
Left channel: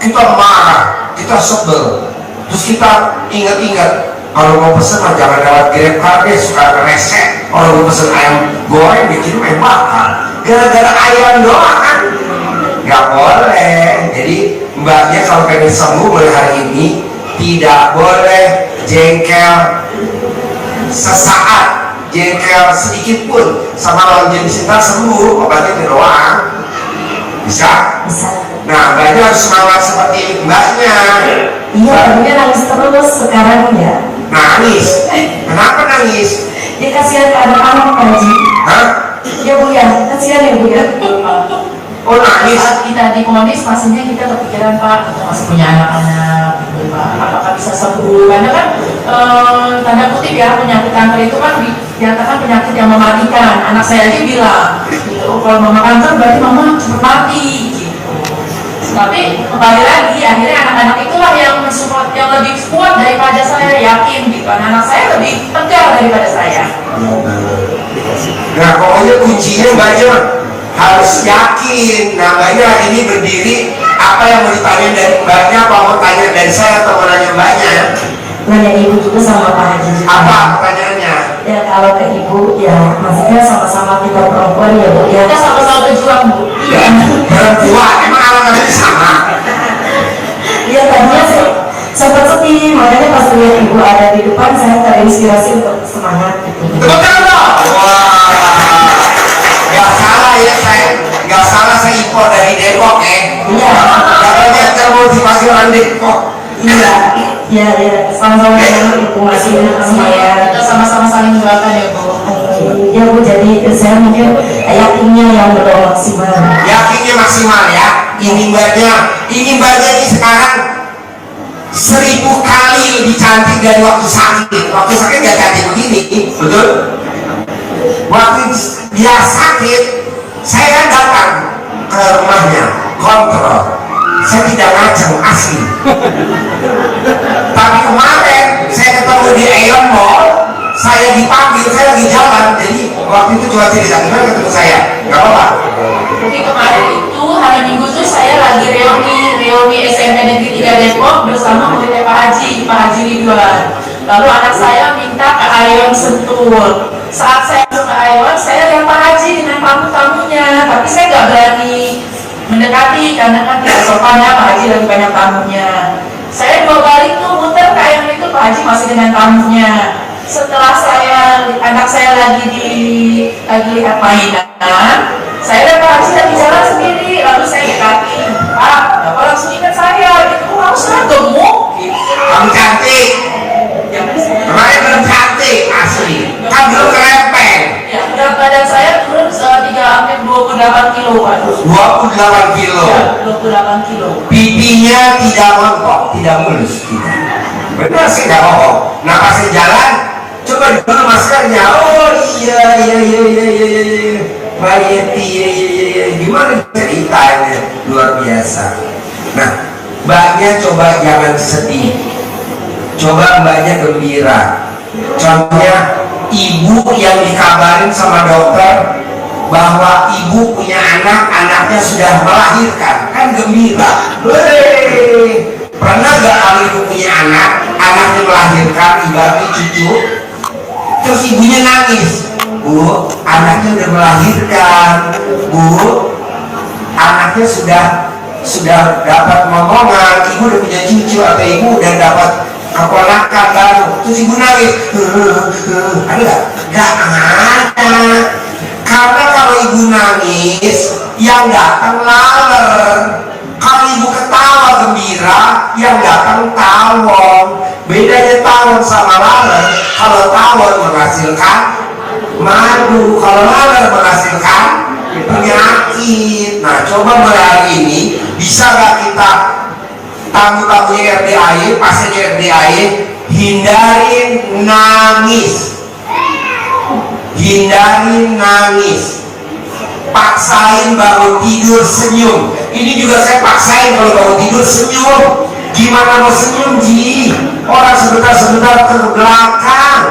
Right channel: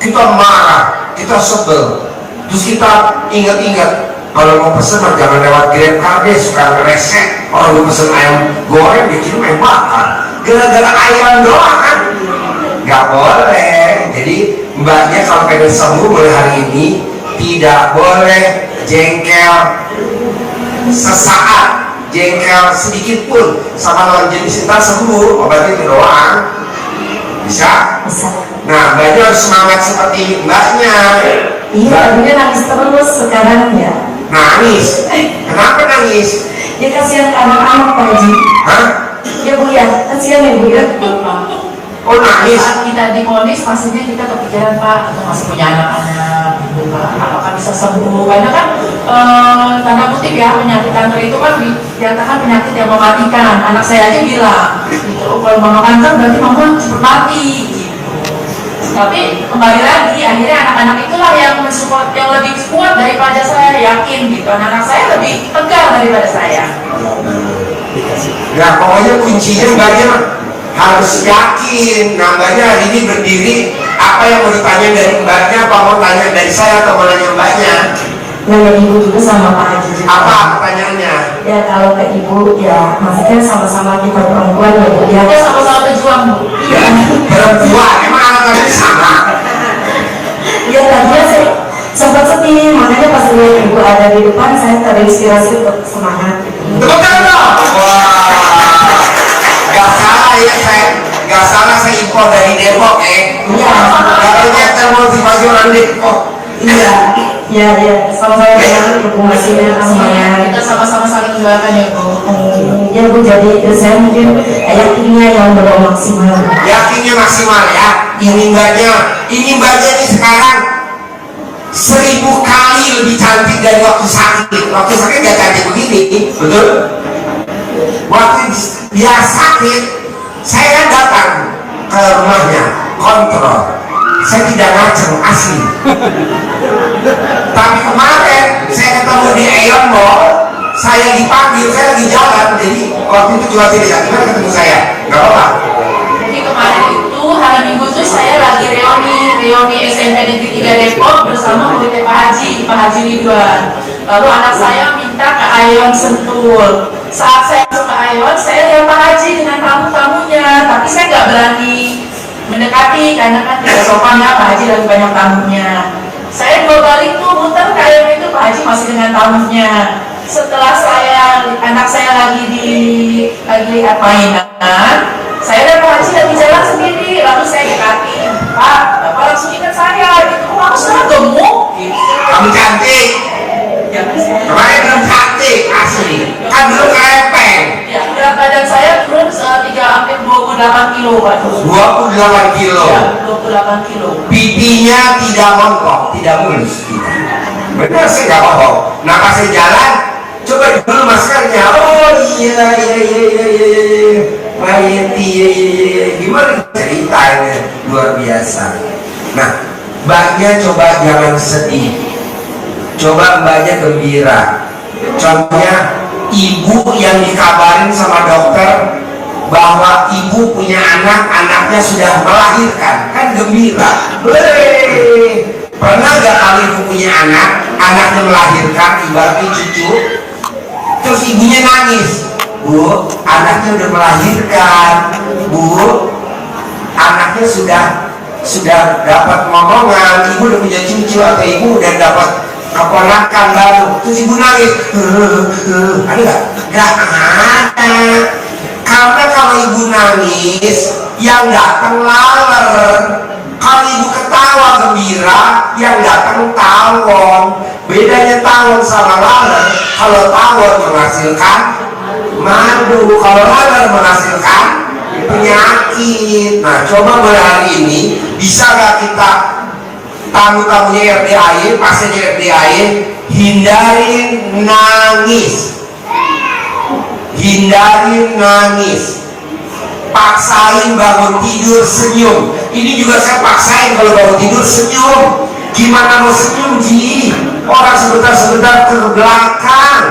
kita marah, kita sebel. Terus kita ingat-ingat, kalau mau pesen mah jangan lewat GrabCar deh, suka ngeresek. Kalau mau pesen ayam goreng dikirim ayam bakar, gara-gara ayam doang kan? Nggak boleh. Jadi mbaknya kalau pengen sembuh mulai hari ini tidak boleh jengkel sesaat, jengkel sedikit pun sama lawan jenis, ntar sembuh. Obatnya itu doang. Bisa? Bisa. Nah, mbaknya harus semangat seperti mbaknya. Iya, tadinya nangis terus, sekarang ya. Nangis? Kenapa nangis? Ya kasihan ke anak-anak Pak Haji. Hah? Ya Bu ya, kasihan ya Bu ya. Oh nangis? Saat kita diponis pastinya kita kepikiran Pak, kita masih punya anak-anak gitu Pak, apakah bisa sembuh? Karena kan tanda kutip ya, penyakit kanker itu kan dinyatakan penyakit yang mematikan. Anak saya aja bilang gitu, oh, kalau mama kanker berarti mama cepat mati gitu. Tapi kembali lagi, akhirnya anak-anak itulah yang mensupport, yang lebih kuat daripada saya, yakin gitu. Anak-anak saya lebih tegar daripada saya. Nah pokoknya kuncinya mbaknya mah harus yakin. Nah mbaknya hari ini berdiri, apa yang mau ditanya dari mbaknya, apa mau tanya dari saya atau mau nanya mbaknya? Nanya Ibu juga sama Pak Haji juga. Apa pertanyaannya? Ya kalau ke Ibu ya maksudnya sama-sama kita perempuan ya Bu ya. Kita sama-sama berjuang Bu. Ya, perempuan, emang anak kamu sama? Ya tadinya saya sempat sedih, makanya pas lihat Ibu ada di depan saya terinspirasi untuk semangat gitu. Tepuk tangan dong! Wah, gak salah ya saya, gak salah saya impor dari Depok ya. Iya. Katanya termotivasi orang Depok. Iya, iya, iya. Sama-sama dengan Ibu masih semangat. Kita sama-sama saling mendoakan ya Bu. Ya Bu, jadi saya mungkin yakinnya yang belum maksimal. Yakinnya maksimal ya. Ini mbaknya ini sekarang 1000 kali lebih cantik dari waktu sakit. Waktu sakit gak cantik begini, betul? Waktu dia sakit, saya kan datang ke rumahnya, kontrol. Saya tidak ngaceng, asli. Tapi kemarin saya ketemu di Aeon Mall, saya dipanggil, saya lagi jalan. Jadi waktu itu cuma cerita, gimana ketemu saya? Gak apa-apa. Jadi kemarin itu hari Minggu tuh saya lagi reuni SMP Negeri 3 Depok bersama muridnya Pak Haji Ridwan. Lalu anak saya minta ke Aeon Sentul. Saat saya masuk ke Aeon, saya lihat Pak Haji dengan tamu-tamunya, tapi saya nggak berani mendekati karena kan tidak sopan ya, Pak Haji lagi banyak tamunya. Saya dua balik tuh muter ke Aeon itu, Pak Haji masih dengan tamunya. Setelah anak saya lagi lihat mainan, saya dan Pak Haji lagi jalan sendiri, lalu saya dekati, Pak, Bapak langsung ingat saya, gitu, kamu sekarang gemuk, gitu. Kamu cantik. Kemarin belum cantik, asli. Kan belum kerempeng. Ya, berat badan saya turun hampir 28 kilo, Pak. 28 kilo. Ya, 28 kilo. Pipinya tidak montok, tidak mulus. Benar sih, nggak bohong. Nah pas saya jalan, coba dulu maskernya. Oh iya. Mbak Yenti, iya. Gimana ceritanya? Luar biasa. Nah, mbaknya coba jangan sedih. Coba mbaknya gembira. Contohnya, ibu yang dikabarin sama dokter bahwa ibu punya anak, anaknya sudah melahirkan, kan gembira. Hei, pernah gak kalau ibu punya anak, anaknya melahirkan, ibaratnya cucu, terus ibunya nangis, Bu, anaknya udah melahirkan, Bu, anaknya sudah dapat momongan, ibu udah punya cucu atau ibu udah dapat keponakan baru, terus ibu nangis, ada gak? Gak ada. Karena kalau ibu nangis, yang datang laler. Kalau ibu ketawa gembira, yang datang tawon. Bedanya tawon sama laler, kalau tawon menghasilkan madu, kalau laler menghasilkan penyakit. Nah, coba mulai hari ini, bisa gak kita tamu-tamunya RDAY, pasiennya RDAY, hindarin nangis. Hindarin nangis. Paksain bangun tidur senyum. Ini juga saya paksain kalau bangun tidur senyum. Gimana mau senyum, Ji? Orang sebentar-sebentar ke belakang,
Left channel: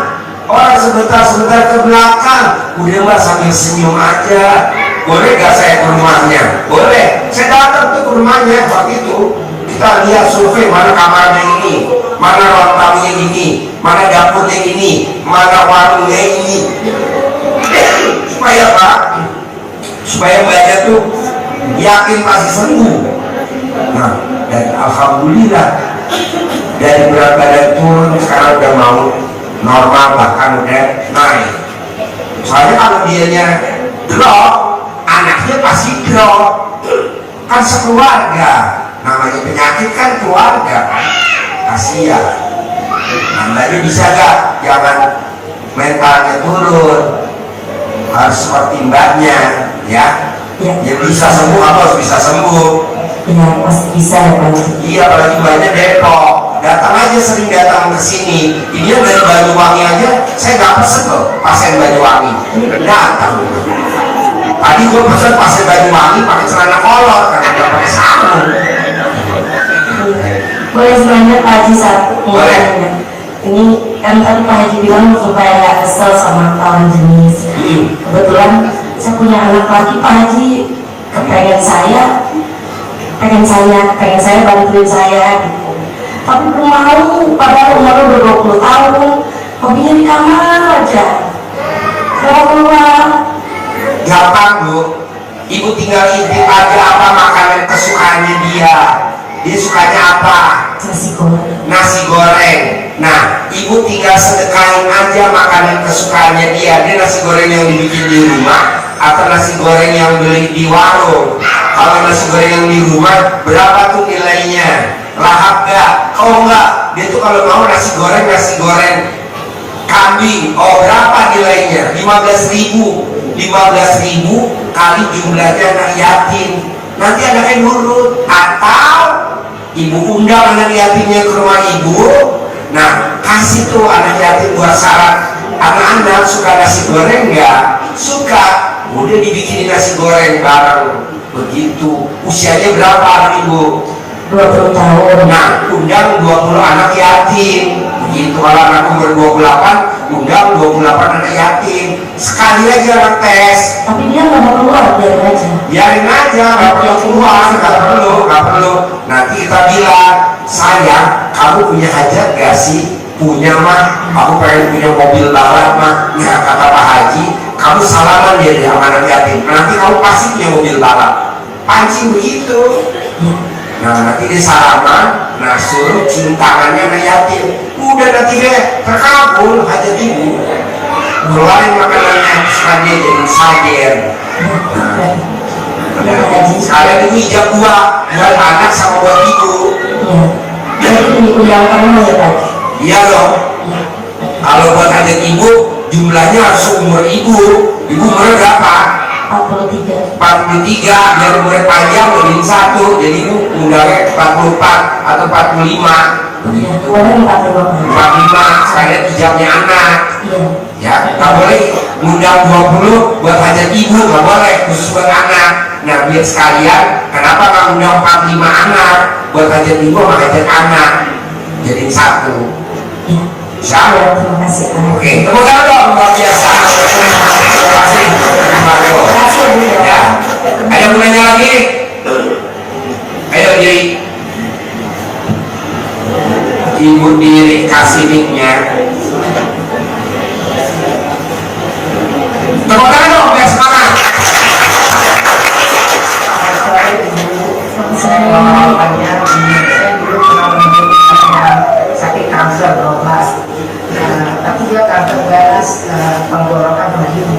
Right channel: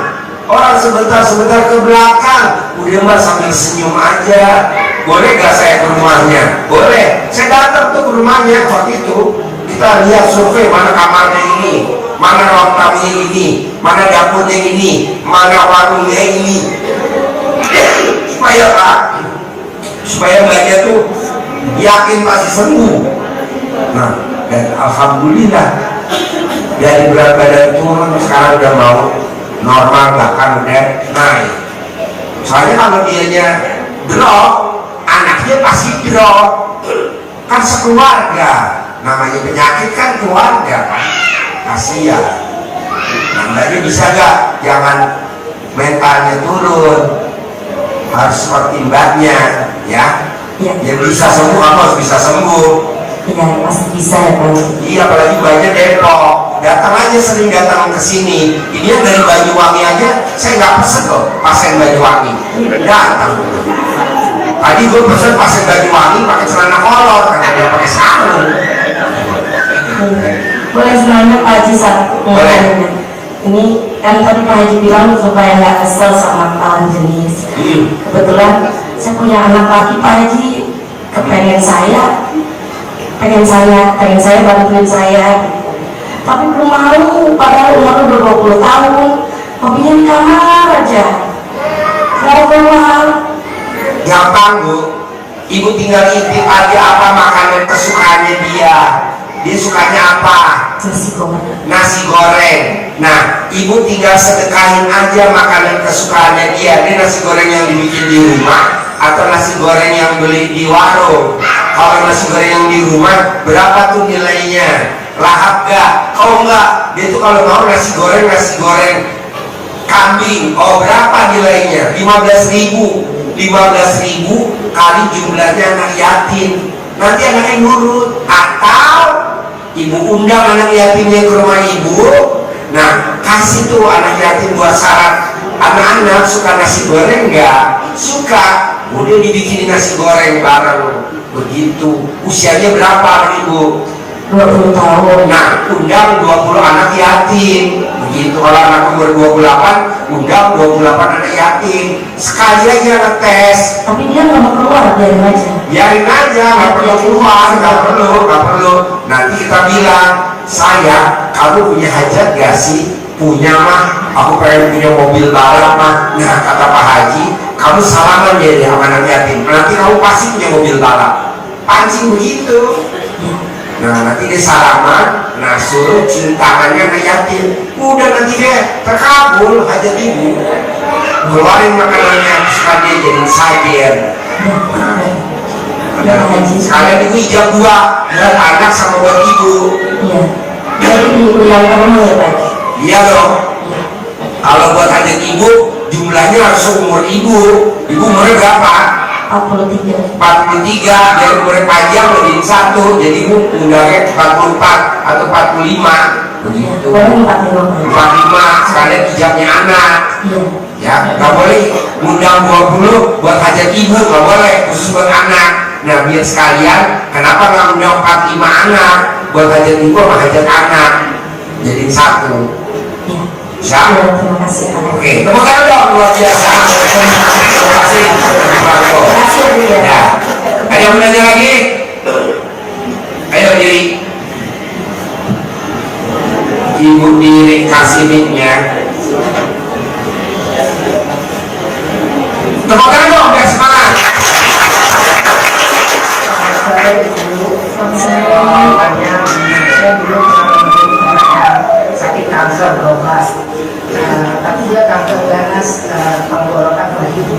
orang sebentar-sebentar ke belakang. Udah mbak sambil senyum aja. Boleh gak saya ke rumahnya? Boleh. Saya datang tuh ke rumahnya waktu itu. Kita lihat survei mana kamarnya ini, mana ruang tamunya ini, mana dapurnya ini, mana warungnya ini. Supaya Pak, supaya mbaknya tuh yakin pasti sembuh. Nah, dan alhamdulillah dari berat badan turun sekarang udah mau normal, bahkan udah naik. Soalnya kalau dianya drop, anaknya pasti drop. Kan sekeluarga, namanya penyakit kan keluarga kan, kasihan. Nah, mbaknya bisa gak jangan mentalnya turun, harus seperti mbaknya ya. Ya. Ya bisa sembuh, kamu harus bisa sembuh. Ya pasti bisa ya Pak. Iya, apalagi mbaknya Depok. Datang aja, sering datang ke sini. Ini yang dari Banyuwangi aja, saya nggak pesen loh pasien Banyuwangi. Datang. Tadi gue pesen pasien Banyuwangi pakai celana kolor karena dia pakai sarung. Boleh sebenarnya Pak Haji satu Boleh. ini kan tadi Pak Haji bilang supaya nggak kesel sama lawan jenis. Kebetulan saya punya anak laki Pak Haji, pengen saya bantuin saya gitu. Tapi belum mau, padahal umurnya udah 20 tahun, hobinya di kamar aja, nggak keluar. Gampang Bu, ibu tinggal intip aja apa makanan kesukaannya dia. Dia sukanya apa? Nasi goreng. Nasi goreng. Nah, ibu tinggal sedekahin aja makanan kesukaannya dia. Dia nasi goreng yang dibikin di rumah atau nasi goreng yang beli di warung. Kalau nasi goreng yang di rumah, berapa tuh nilainya? Lahap gak? Oh enggak, dia tuh kalau mau nasi goreng kambing. Oh berapa nilainya? 15.000. 15.000 kali jumlahnya anak yatim. Nanti anaknya nurut. Atau ibu undang anak yatimnya ke rumah ibu. Nah, kasih tuh anak yatim buat syarat. Anak-anak suka nasi goreng nggak? Suka. Udah dibikinin nasi goreng bareng. Begitu. Usianya berapa ibu? 20 tahun. Nah, undang 20 anak yatim. Begitu. Kalau anak umur 28, undang 28 anak yatim. Sekali aja ngetes. Tapi dia nggak mau keluar, biarin aja. Biarin aja, nggak perlu keluar, nggak perlu. Nanti kita bilang, sayang, kamu punya hajat gak sih? Punya mah, aku pengen punya mobil balap mah. Nah, kata Pak Haji, kamu salaman ya sama anak yatim. Nanti kamu pasti punya mobil balap. Pancing begitu. Nah, nanti dia salaman, nah suruh cium tangannya anak yatim. Udah nanti dia terkabul hajat ibu. Keluarin makanannya, kesukaan dia jadi sajen. Sekalian ibu ijab 2 buat anak sama buat ibu. Iya. Jadi diundang kamu ya Pak? Iya dong. Kalau buat hajat ibu jumlahnya harus umur ibu. Ibu umurnya berapa? 43. 43, biar umurnya panjang jadi 1. Jadi ibu undangnya 44 atau 45. Begitu. Boleh 45. 45 sekalian ijabnya anak. Iya. Ya, nggak boleh ngundang 20 buat hajat ibu, nggak boleh, khusus buat anak. Nah, biar sekalian, kenapa nggak ngundang 45 anak buat hajat ibu sama hajat anak, jadi 1. Iya. Bisa? Iya, terima kasih. Oke, tepuk tangan dong, luar biasa. Terima kasih. Terima Terima kasih Bu ya. Ya. Ada yang mau nanya lagi? Ayo diri. Ibu diri kasih mic-nya. Tepuk tangan dong, biar semangat. Saya dulu pernah mengalami sakit kanker berobat, tapi dia kanker ganas tenggorokan begitu.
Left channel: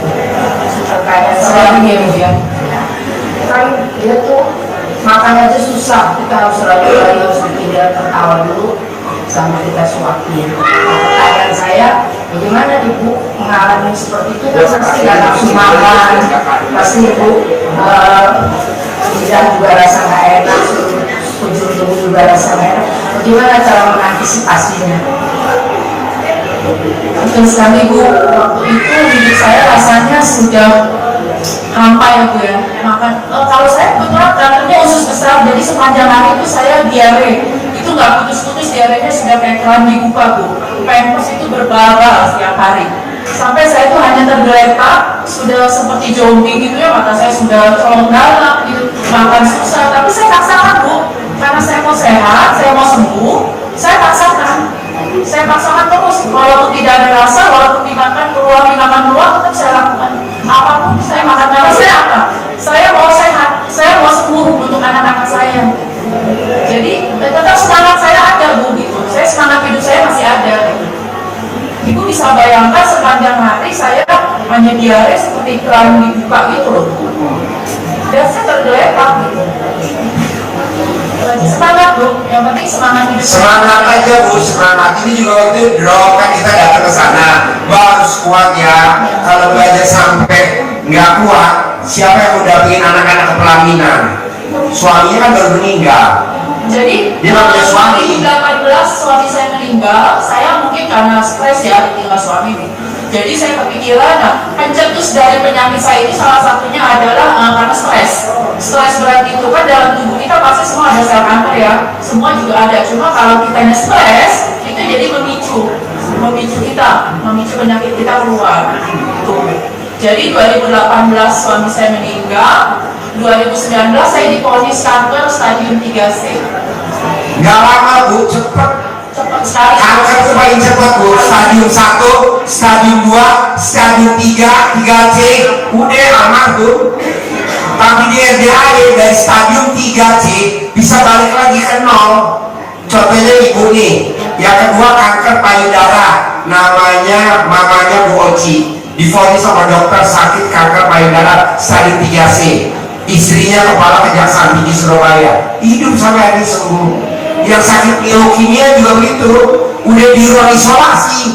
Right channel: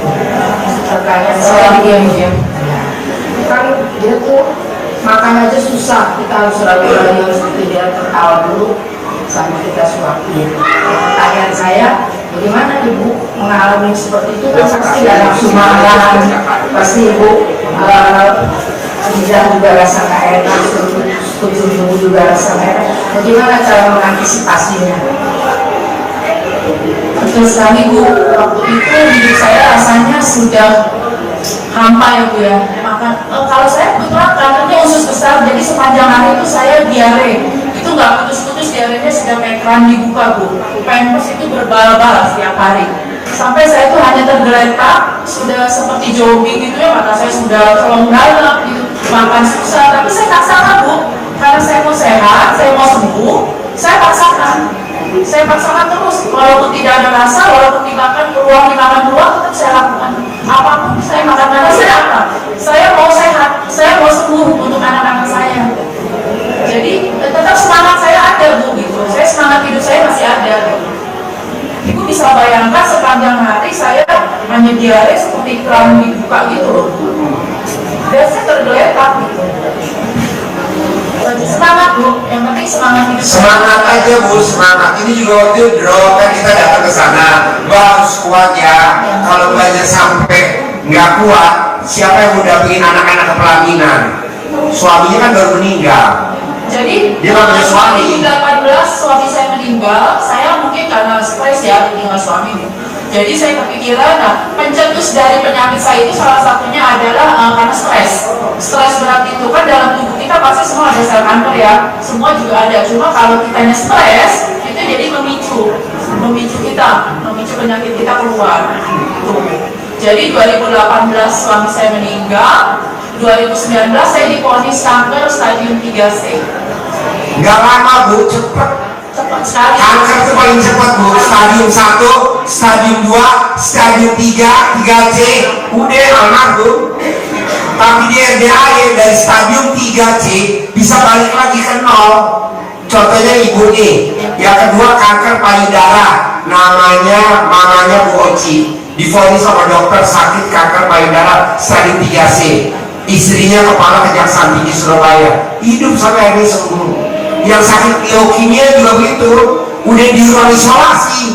Terkait Selain dia ya. kan dia tuh makan aja susah, kita harus rayu-rayu, harus bikin dia tertawa dulu sampai kita suapin. Pertanyaan saya, bagaimana ibu mengalami seperti itu? Kan pasti gak nafsu makan, pasti ibu lidah juga rasa gak enak, ujung tubuh juga rasa gak enak. Bagaimana cara mengantisipasinya? Betul sekali Bu, waktu itu hidup saya rasanya sudah hampa ya Bu ya. Kalau saya kebetulan kankernya usus besar, jadi sepanjang hari itu saya diare, itu nggak putus-putus. diarenya sudah kayak keran dibuka Bu. Pampers itu berbal-bal setiap hari. Sampai saya itu hanya tergeletak, sudah seperti jogging gitu ya, mata saya sudah colong dalam gitu, makan susah. Tapi saya paksakan Bu, karena saya mau sehat, saya mau sembuh, saya paksakan. Saya paksakan terus, walaupun tidak ada rasa, walaupun dimakan peluang, tetap saya lakukan. Apapun saya makan, karena saya apa? Saya mau sehat, saya mau sembuh untuk anak-anak saya. Jadi tetap semangat saya ada Bu gitu. Saya semangat hidup saya masih ada. Gitu. Ibu bisa bayangkan sepanjang hari saya hanya diare seperti keran dibuka gitu loh. Dan saya tergeletak gitu. Semangat Bu, yang penting semangat hidup. Semangat aja Bu, semangat. Ini juga waktu itu drop kan kita datang ke sana. Mbak harus kuat ya. Kalau Mbak aja sampai nggak kuat, siapa yang mau dampingin anak-anak ke pelaminan? Suaminya kan baru meninggal. Jadi dia nggak punya suami. 2018 suami saya meninggal, saya mungkin karena stres ya tinggal suami. Jadi saya kepikiran, nah pencetus dari penyakit saya itu salah satunya adalah karena stres. Stres berat itu kan dalam tubuh kita pasti semua ada sel kanker ya, semua juga ada. Cuma kalau kitanya stres, itu jadi memicu penyakit kita keluar. Tuh. Jadi 2018 suami saya meninggal, 2019 saya divonis kanker stadium 3C. Nggak lama Bu, cepet. Cepat sekali. Kanker itu paling cepat Bu. Stadium 1, stadium 2, stadium 3, 3C, udah almarhum. Tapi di RDAE dari stadium 3C bisa balik lagi ke 0. Contohnya ibu nih, yang kedua kanker payudara, namanya mamanya Bu Oci, divonis sama dokter sakit kanker payudara stadium 3C. Istrinya kepala kejaksaan tinggi Surabaya, hidup sampai hari ini sembuh. Yang sakit leukemia juga begitu, udah di ruang isolasi.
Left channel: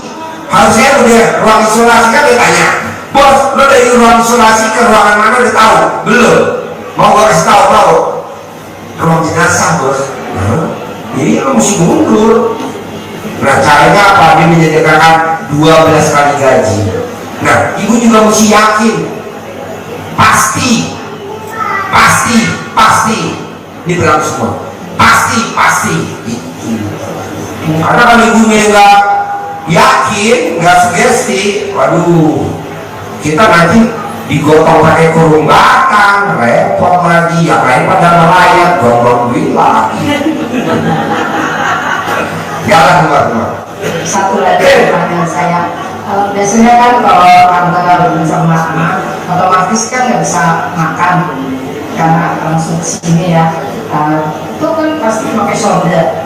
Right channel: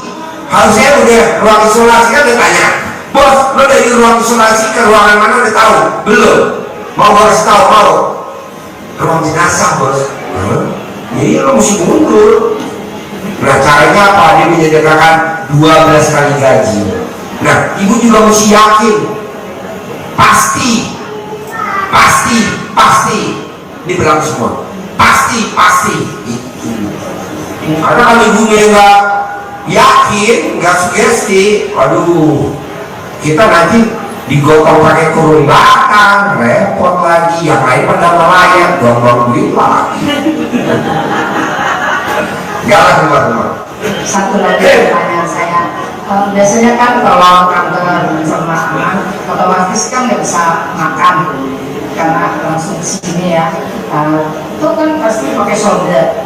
Harusnya udah ruang isolasi kan ditanya, bos, lo dari ruang isolasi ke ruangan mana udah tahu? Belum. Mau gue kasih tahu mau? Ruang jenazah bos. Jadi lo mesti mundur. Nah caranya apa? Dia menyediakan 12 kali gaji. Nah ibu juga mesti yakin, pasti ini berlaku semua, pasti karena kalau ibunya nggak yakin, nggak sugesti, waduh kita nanti digotong pakai kurung batang, repot lagi, yang lain pada melayat, buang-buang duit lagi. Jalan keluar. Satu lagi pertanyaan saya, biasanya kan kalau kanker sama anak otomatis kan nggak bisa makan karena langsung sini ya, itu kan pasti pakai shoulder,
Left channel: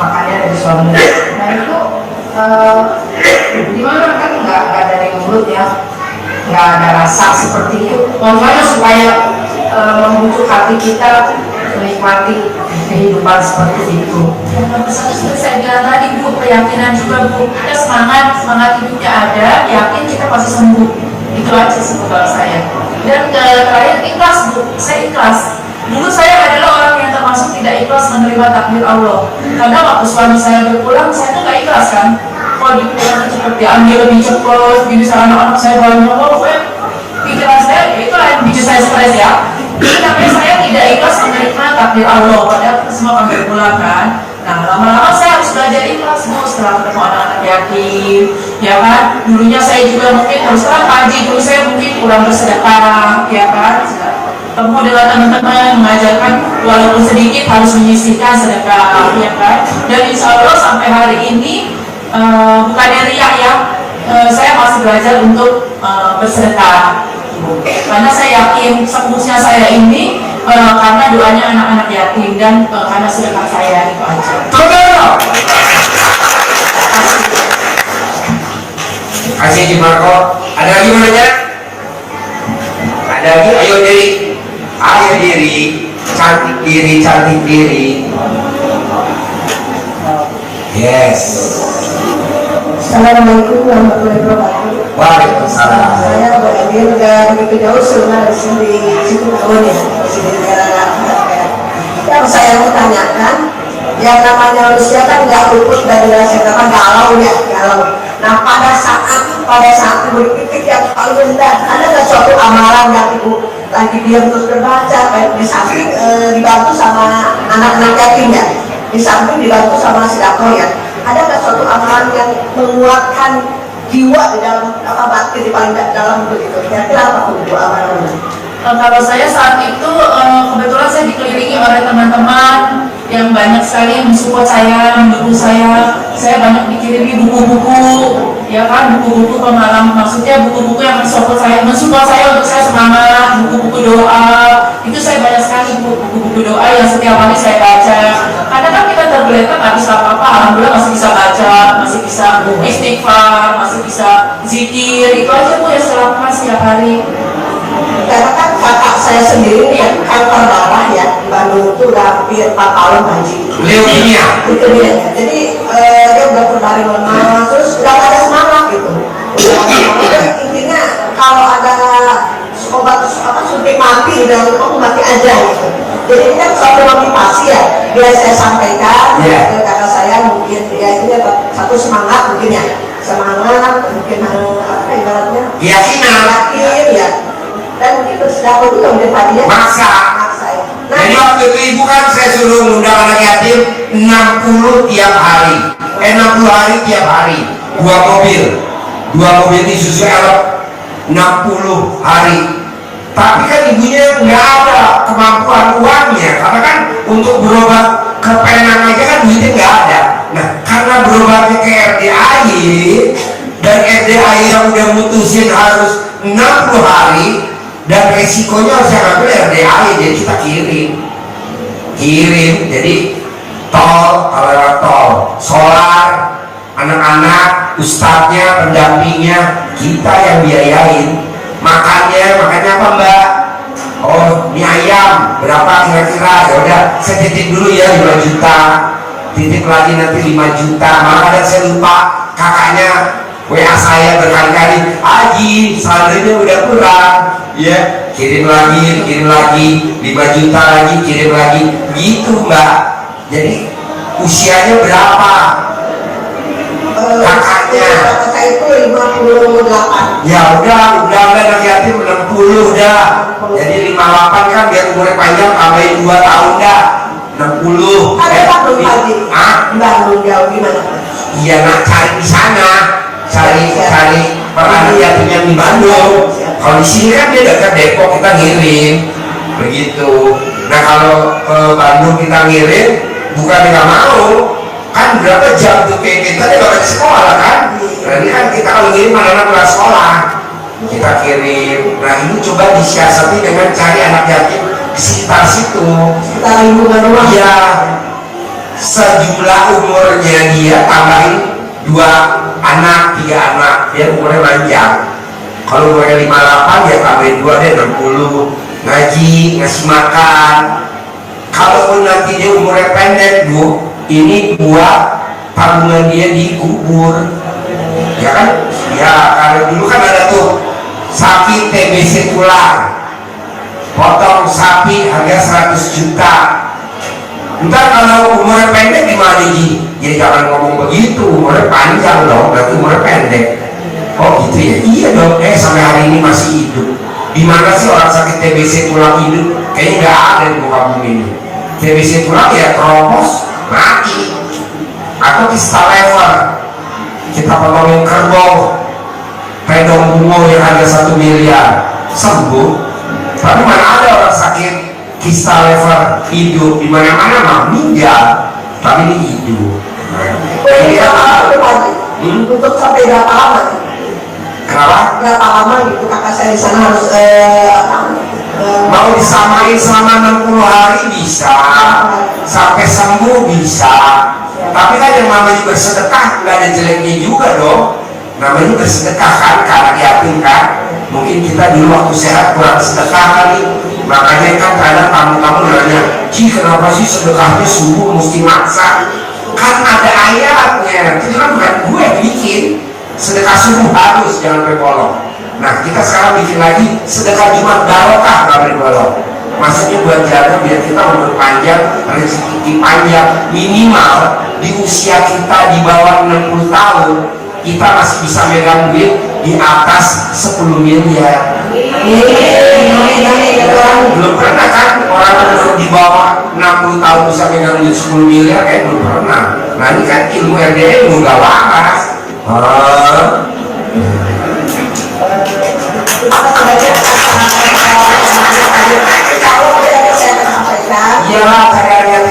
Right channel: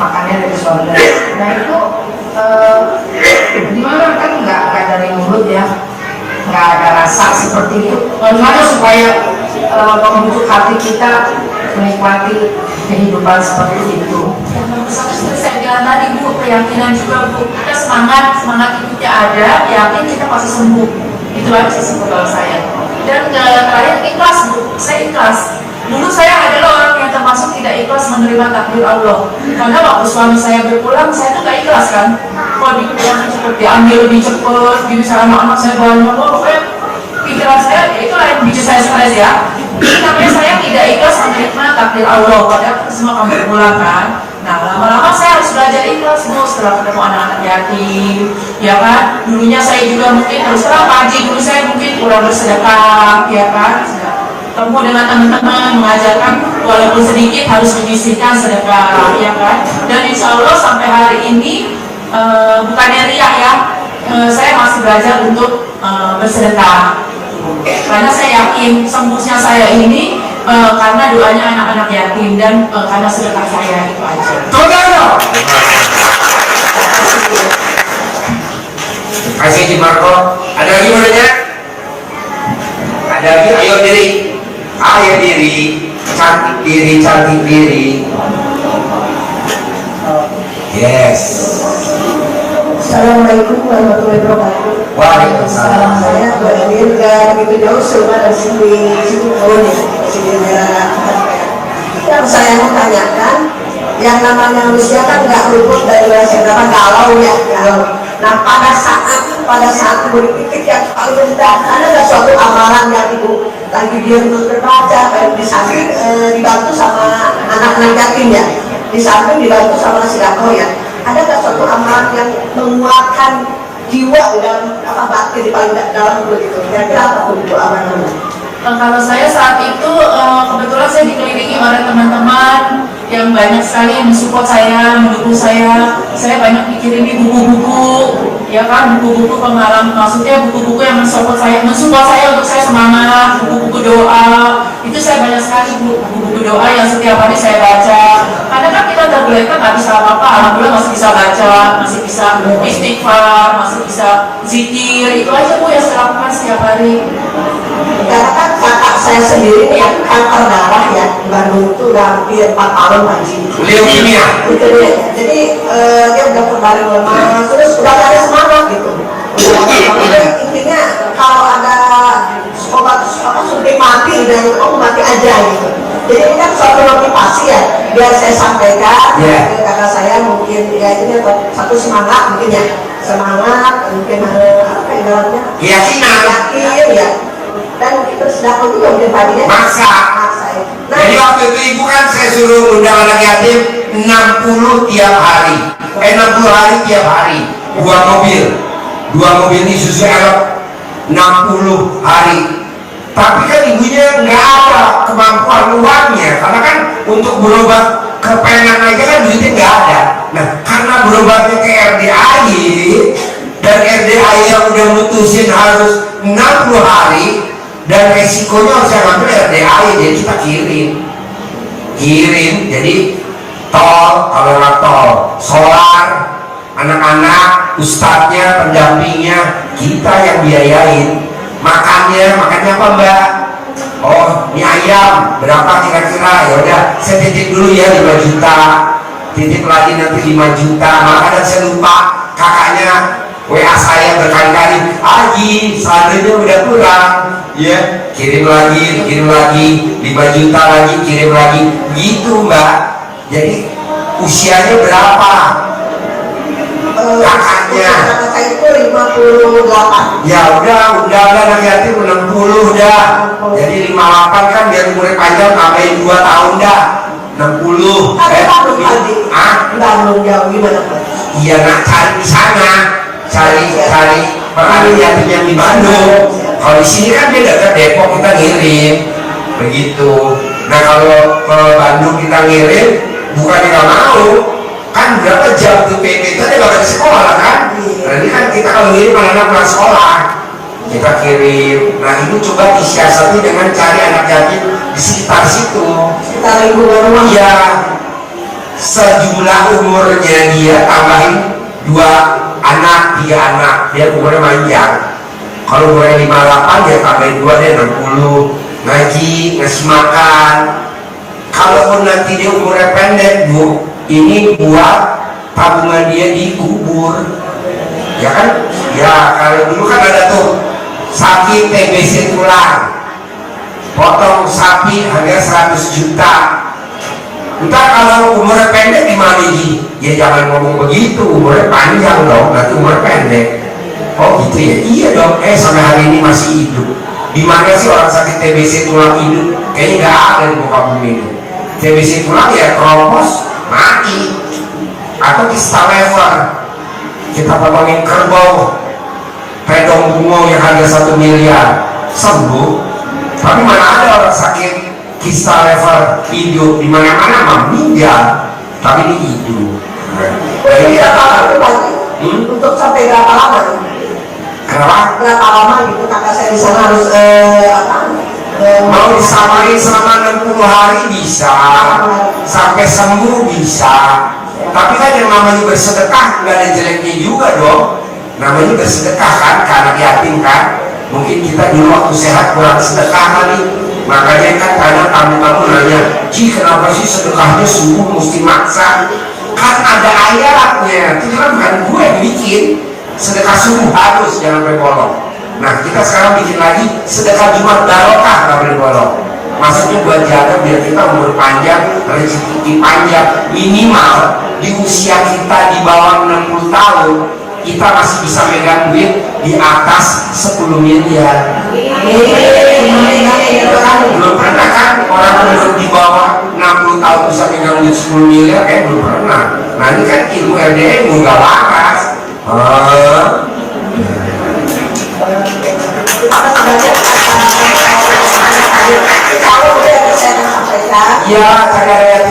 makannya dari shoulder. Nah itu gimana kan nggak dari mulut ya, nggak ada rasa seperti itu. Bagaimana supaya membujuk hati kita menikmati kehidupan seperti itu? Yang nomor satu seperti saya bilang tadi Bu, keyakinan juga Bu. Kita semangat hidupnya ada, yakin kita pasti sembuh. Itu aja sih kalau saya. Dan terakhir ikhlas Bu, saya ikhlas. Dulu saya adalah orang yang termasuk tidak ikhlas menerima takdir Allah. Karena waktu suami saya berpulang, saya tuh gak ikhlas kan. Kalau dipulang cepat diambil lebih cepat, gitu saya anak-anak saya banyak, pokoknya pikiran saya, itulah yang bikin saya stres ya. Jadi namanya saya tidak ikhlas menerima takdir Allah. Padahal kita semua akan berpulang kan. Nah lama-lama saya harus belajar ikhlas Bu, setelah ketemu anak-anak yatim, ya kan. Dulunya saya juga mungkin terus terang pagi, dulu saya mungkin kurang bersedekah, ya kan. Ketemu dengan teman-teman mengajarkan walaupun sedikit harus menyisihkan sedekah, ya kan. Dan insya Allah sampai hari ini bukannya riak ya, saya masih belajar untuk bersedekah. Karena saya yakin sembuhnya saya ini karena doanya anak-anak yatim dan karena sedekah saya, itu aja. Kasih Haji Marco. Ada lagi mau nanya? Ada lagi? Ayo diri, cantik diri. Yes. Assalamualaikum warahmatullahi wabarakatuh. Waalaikumsalam. Saya berhadir dan begitu jauh sebelumnya dari sini di situ ya, masih di daerah Kampung. Yang saya mau tanyakan, yang namanya manusia kan nggak luput dari rasa galau. Nah pada saat berpikir yang paling rendah, ada nggak suatu amalan yang ibu lagi diam terus terbaca, kayak di samping dibantu sama anak-anak yatim ya? di samping dibantu sama sedekah ya. Ada nggak suatu amalan yang menguatkan jiwa di dalam batin di paling dalam begitu? Kira-kira apa tuh Bu amalannya? Kalau saya saat itu kebetulan saya dikelilingi oleh teman-teman yang banyak sekali yang mensupport saya, mendukung saya. Saya banyak dikirimi buku-buku, ya kan, buku-buku pengalaman, maksudnya buku-buku yang mensupport saya untuk saya semangat, buku-buku doa. Itu saya banyak sekali buku-buku doa yang setiap hari saya baca. Kadang kan kita tergeletak nggak bisa apa-apa, alhamdulillah masih bisa baca, masih bisa istighfar, masih bisa zikir. Itu aja Bu yang saya lakukan setiap hari. Karena kan kakak saya sendiri nih kan kanker darah ya, di Bandung itu udah hampir 4 tahun Haji. Leukemia. Itu dia ya. Jadi dia udah berbaring lemas, terus udah gak ada semangat gitu. Jadi intinya kalau ada obat suntik mati dan kamu mati aja gitu. Jadi ini kan suatu motivasi ya, biar saya sampaikan ke kakak saya mungkin ya ini satu semangat mungkin ya, semangat mungkin apa ibaratnya? Keyakinan. Yakin ya. Dan mungkin bersedekah juga mungkin tadinya Maksa. ya. Nah, Jadi waktu itu ibu kan saya suruh ngundang anak yatim 60 tiap hari. 60 hari tiap hari. 2 mobil ini susu elok 60 hari. Tapi kan ibunya nggak ada kemampuan uangnya, karena kan untuk berobat ke Penang aja kan duitnya nggak ada. Nah, karena berobatnya ke RDAY dan RDAY yang udah mutusin harus 60 hari dan resikonya harus yang ngambil RDAY, jadi kita kirim. Jadi tol, kalau lewat tol, solar, anak-anak, ustadznya, pendampingnya, kita yang biayain. Makannya apa Mbak? Oh, mie ayam berapa kira-kira? Ya udah, saya titip dulu ya 5 juta, titip lagi nanti 5 juta. Malah kadang saya lupa, kakaknya WA saya berkali-kali, Haji saldonya udah kurang, ya kirim lagi 5 juta lagi, kirim lagi, gitu Mbak. Jadi usianya berapa kakaknya? Kakak saya itu 58. Ya udah anak yatim 60 dah. Jadi 58 kan biar umurnya panjang, tambahin 2 tahun dah. 60. Ada Bandung Haji. Bandung jauh gimana? Iya nak cari di sana, cari anak yatim yang di Bandung. Kalau di sini kan dia dekat Depok, kita ngirim begitu. Nah kalau ke Bandung kita ngirim, bukan nggak mau, kan berapa jam tuh PP tadi nggak ada sekolah kan? Nah ini kan kita kalau ngirim anak-anak pulang sekolah, kita kirim. Nah ini coba disiasati dengan cari anak yatim di sekitar situ. Sekitar lingkungan rumah. Iya, sejumlah umurnya dia tambahin 2 anak, 3 anak, dia umurnya panjang. Kalau umurnya 58 dia tambahin 2, dia 60. Ngaji, ngasih makan. Kalaupun nanti dia umurnya pendek Bu, ini buat tabungan dia dikubur. Ya kan? Ya kalau dulu kan ada tuh sakit TBC tulang, potong sapi harga 100 juta. Entar kalau umurnya pendek gimana Ji? Ya jangan ngomong begitu, umurnya panjang dong, berarti umurnya pendek. Oh gitu ya? Iya dong, sampai hari ini masih hidup. Di mana sih orang sakit TBC tulang hidup? Kayaknya nggak ada di muka bumi ini. TBC tulang ya keropos, mati. Atau kista lever, kita potongin kerbau, pedong bungo yang harga 1 miliar, sembuh. Tapi mana ada orang sakit kista lever hidup, di mana-mana mah meninggal, tapi ini hidup. Ini Berapa lama Haji? Untuk sampai berapa lama? kenapa? Berapa lama gitu kakak saya di sana harus Mau disamain selama 60 hari bisa, sampai sembuh bisa. Tapi kan yang namanya bersedekah nggak ada jeleknya juga dong. Namanya bersedekah kan, ke anak yatim kan. Mungkin kita dulu waktu sehat kurang sedekah kali. Makanya kan kadang tamu-tamu nanya, Ci kenapa sih sedekahnya sembuh mesti maksa? Kan ada ayatnya, itu kan bukan gue yang bikin. Sedekah subuh harus, jangan sampai bolong. Nah kita sekarang bikin lagi sedekah Jumat barokah, nggak boleh bolong. Maksudnya buat jaga biar kita umur panjang, rezeki panjang. Minimal di usia kita di bawah 60 tahun kita masih bisa megang duit di atas 10 miliar. Belum pernah kan orang umur di bawah 60 tahun bisa megang duit 10 miliar belum pernah. Nah ini kan ilmu LDA ilmu gak waras. Kalau saya sampaikan Iya, saya ada yang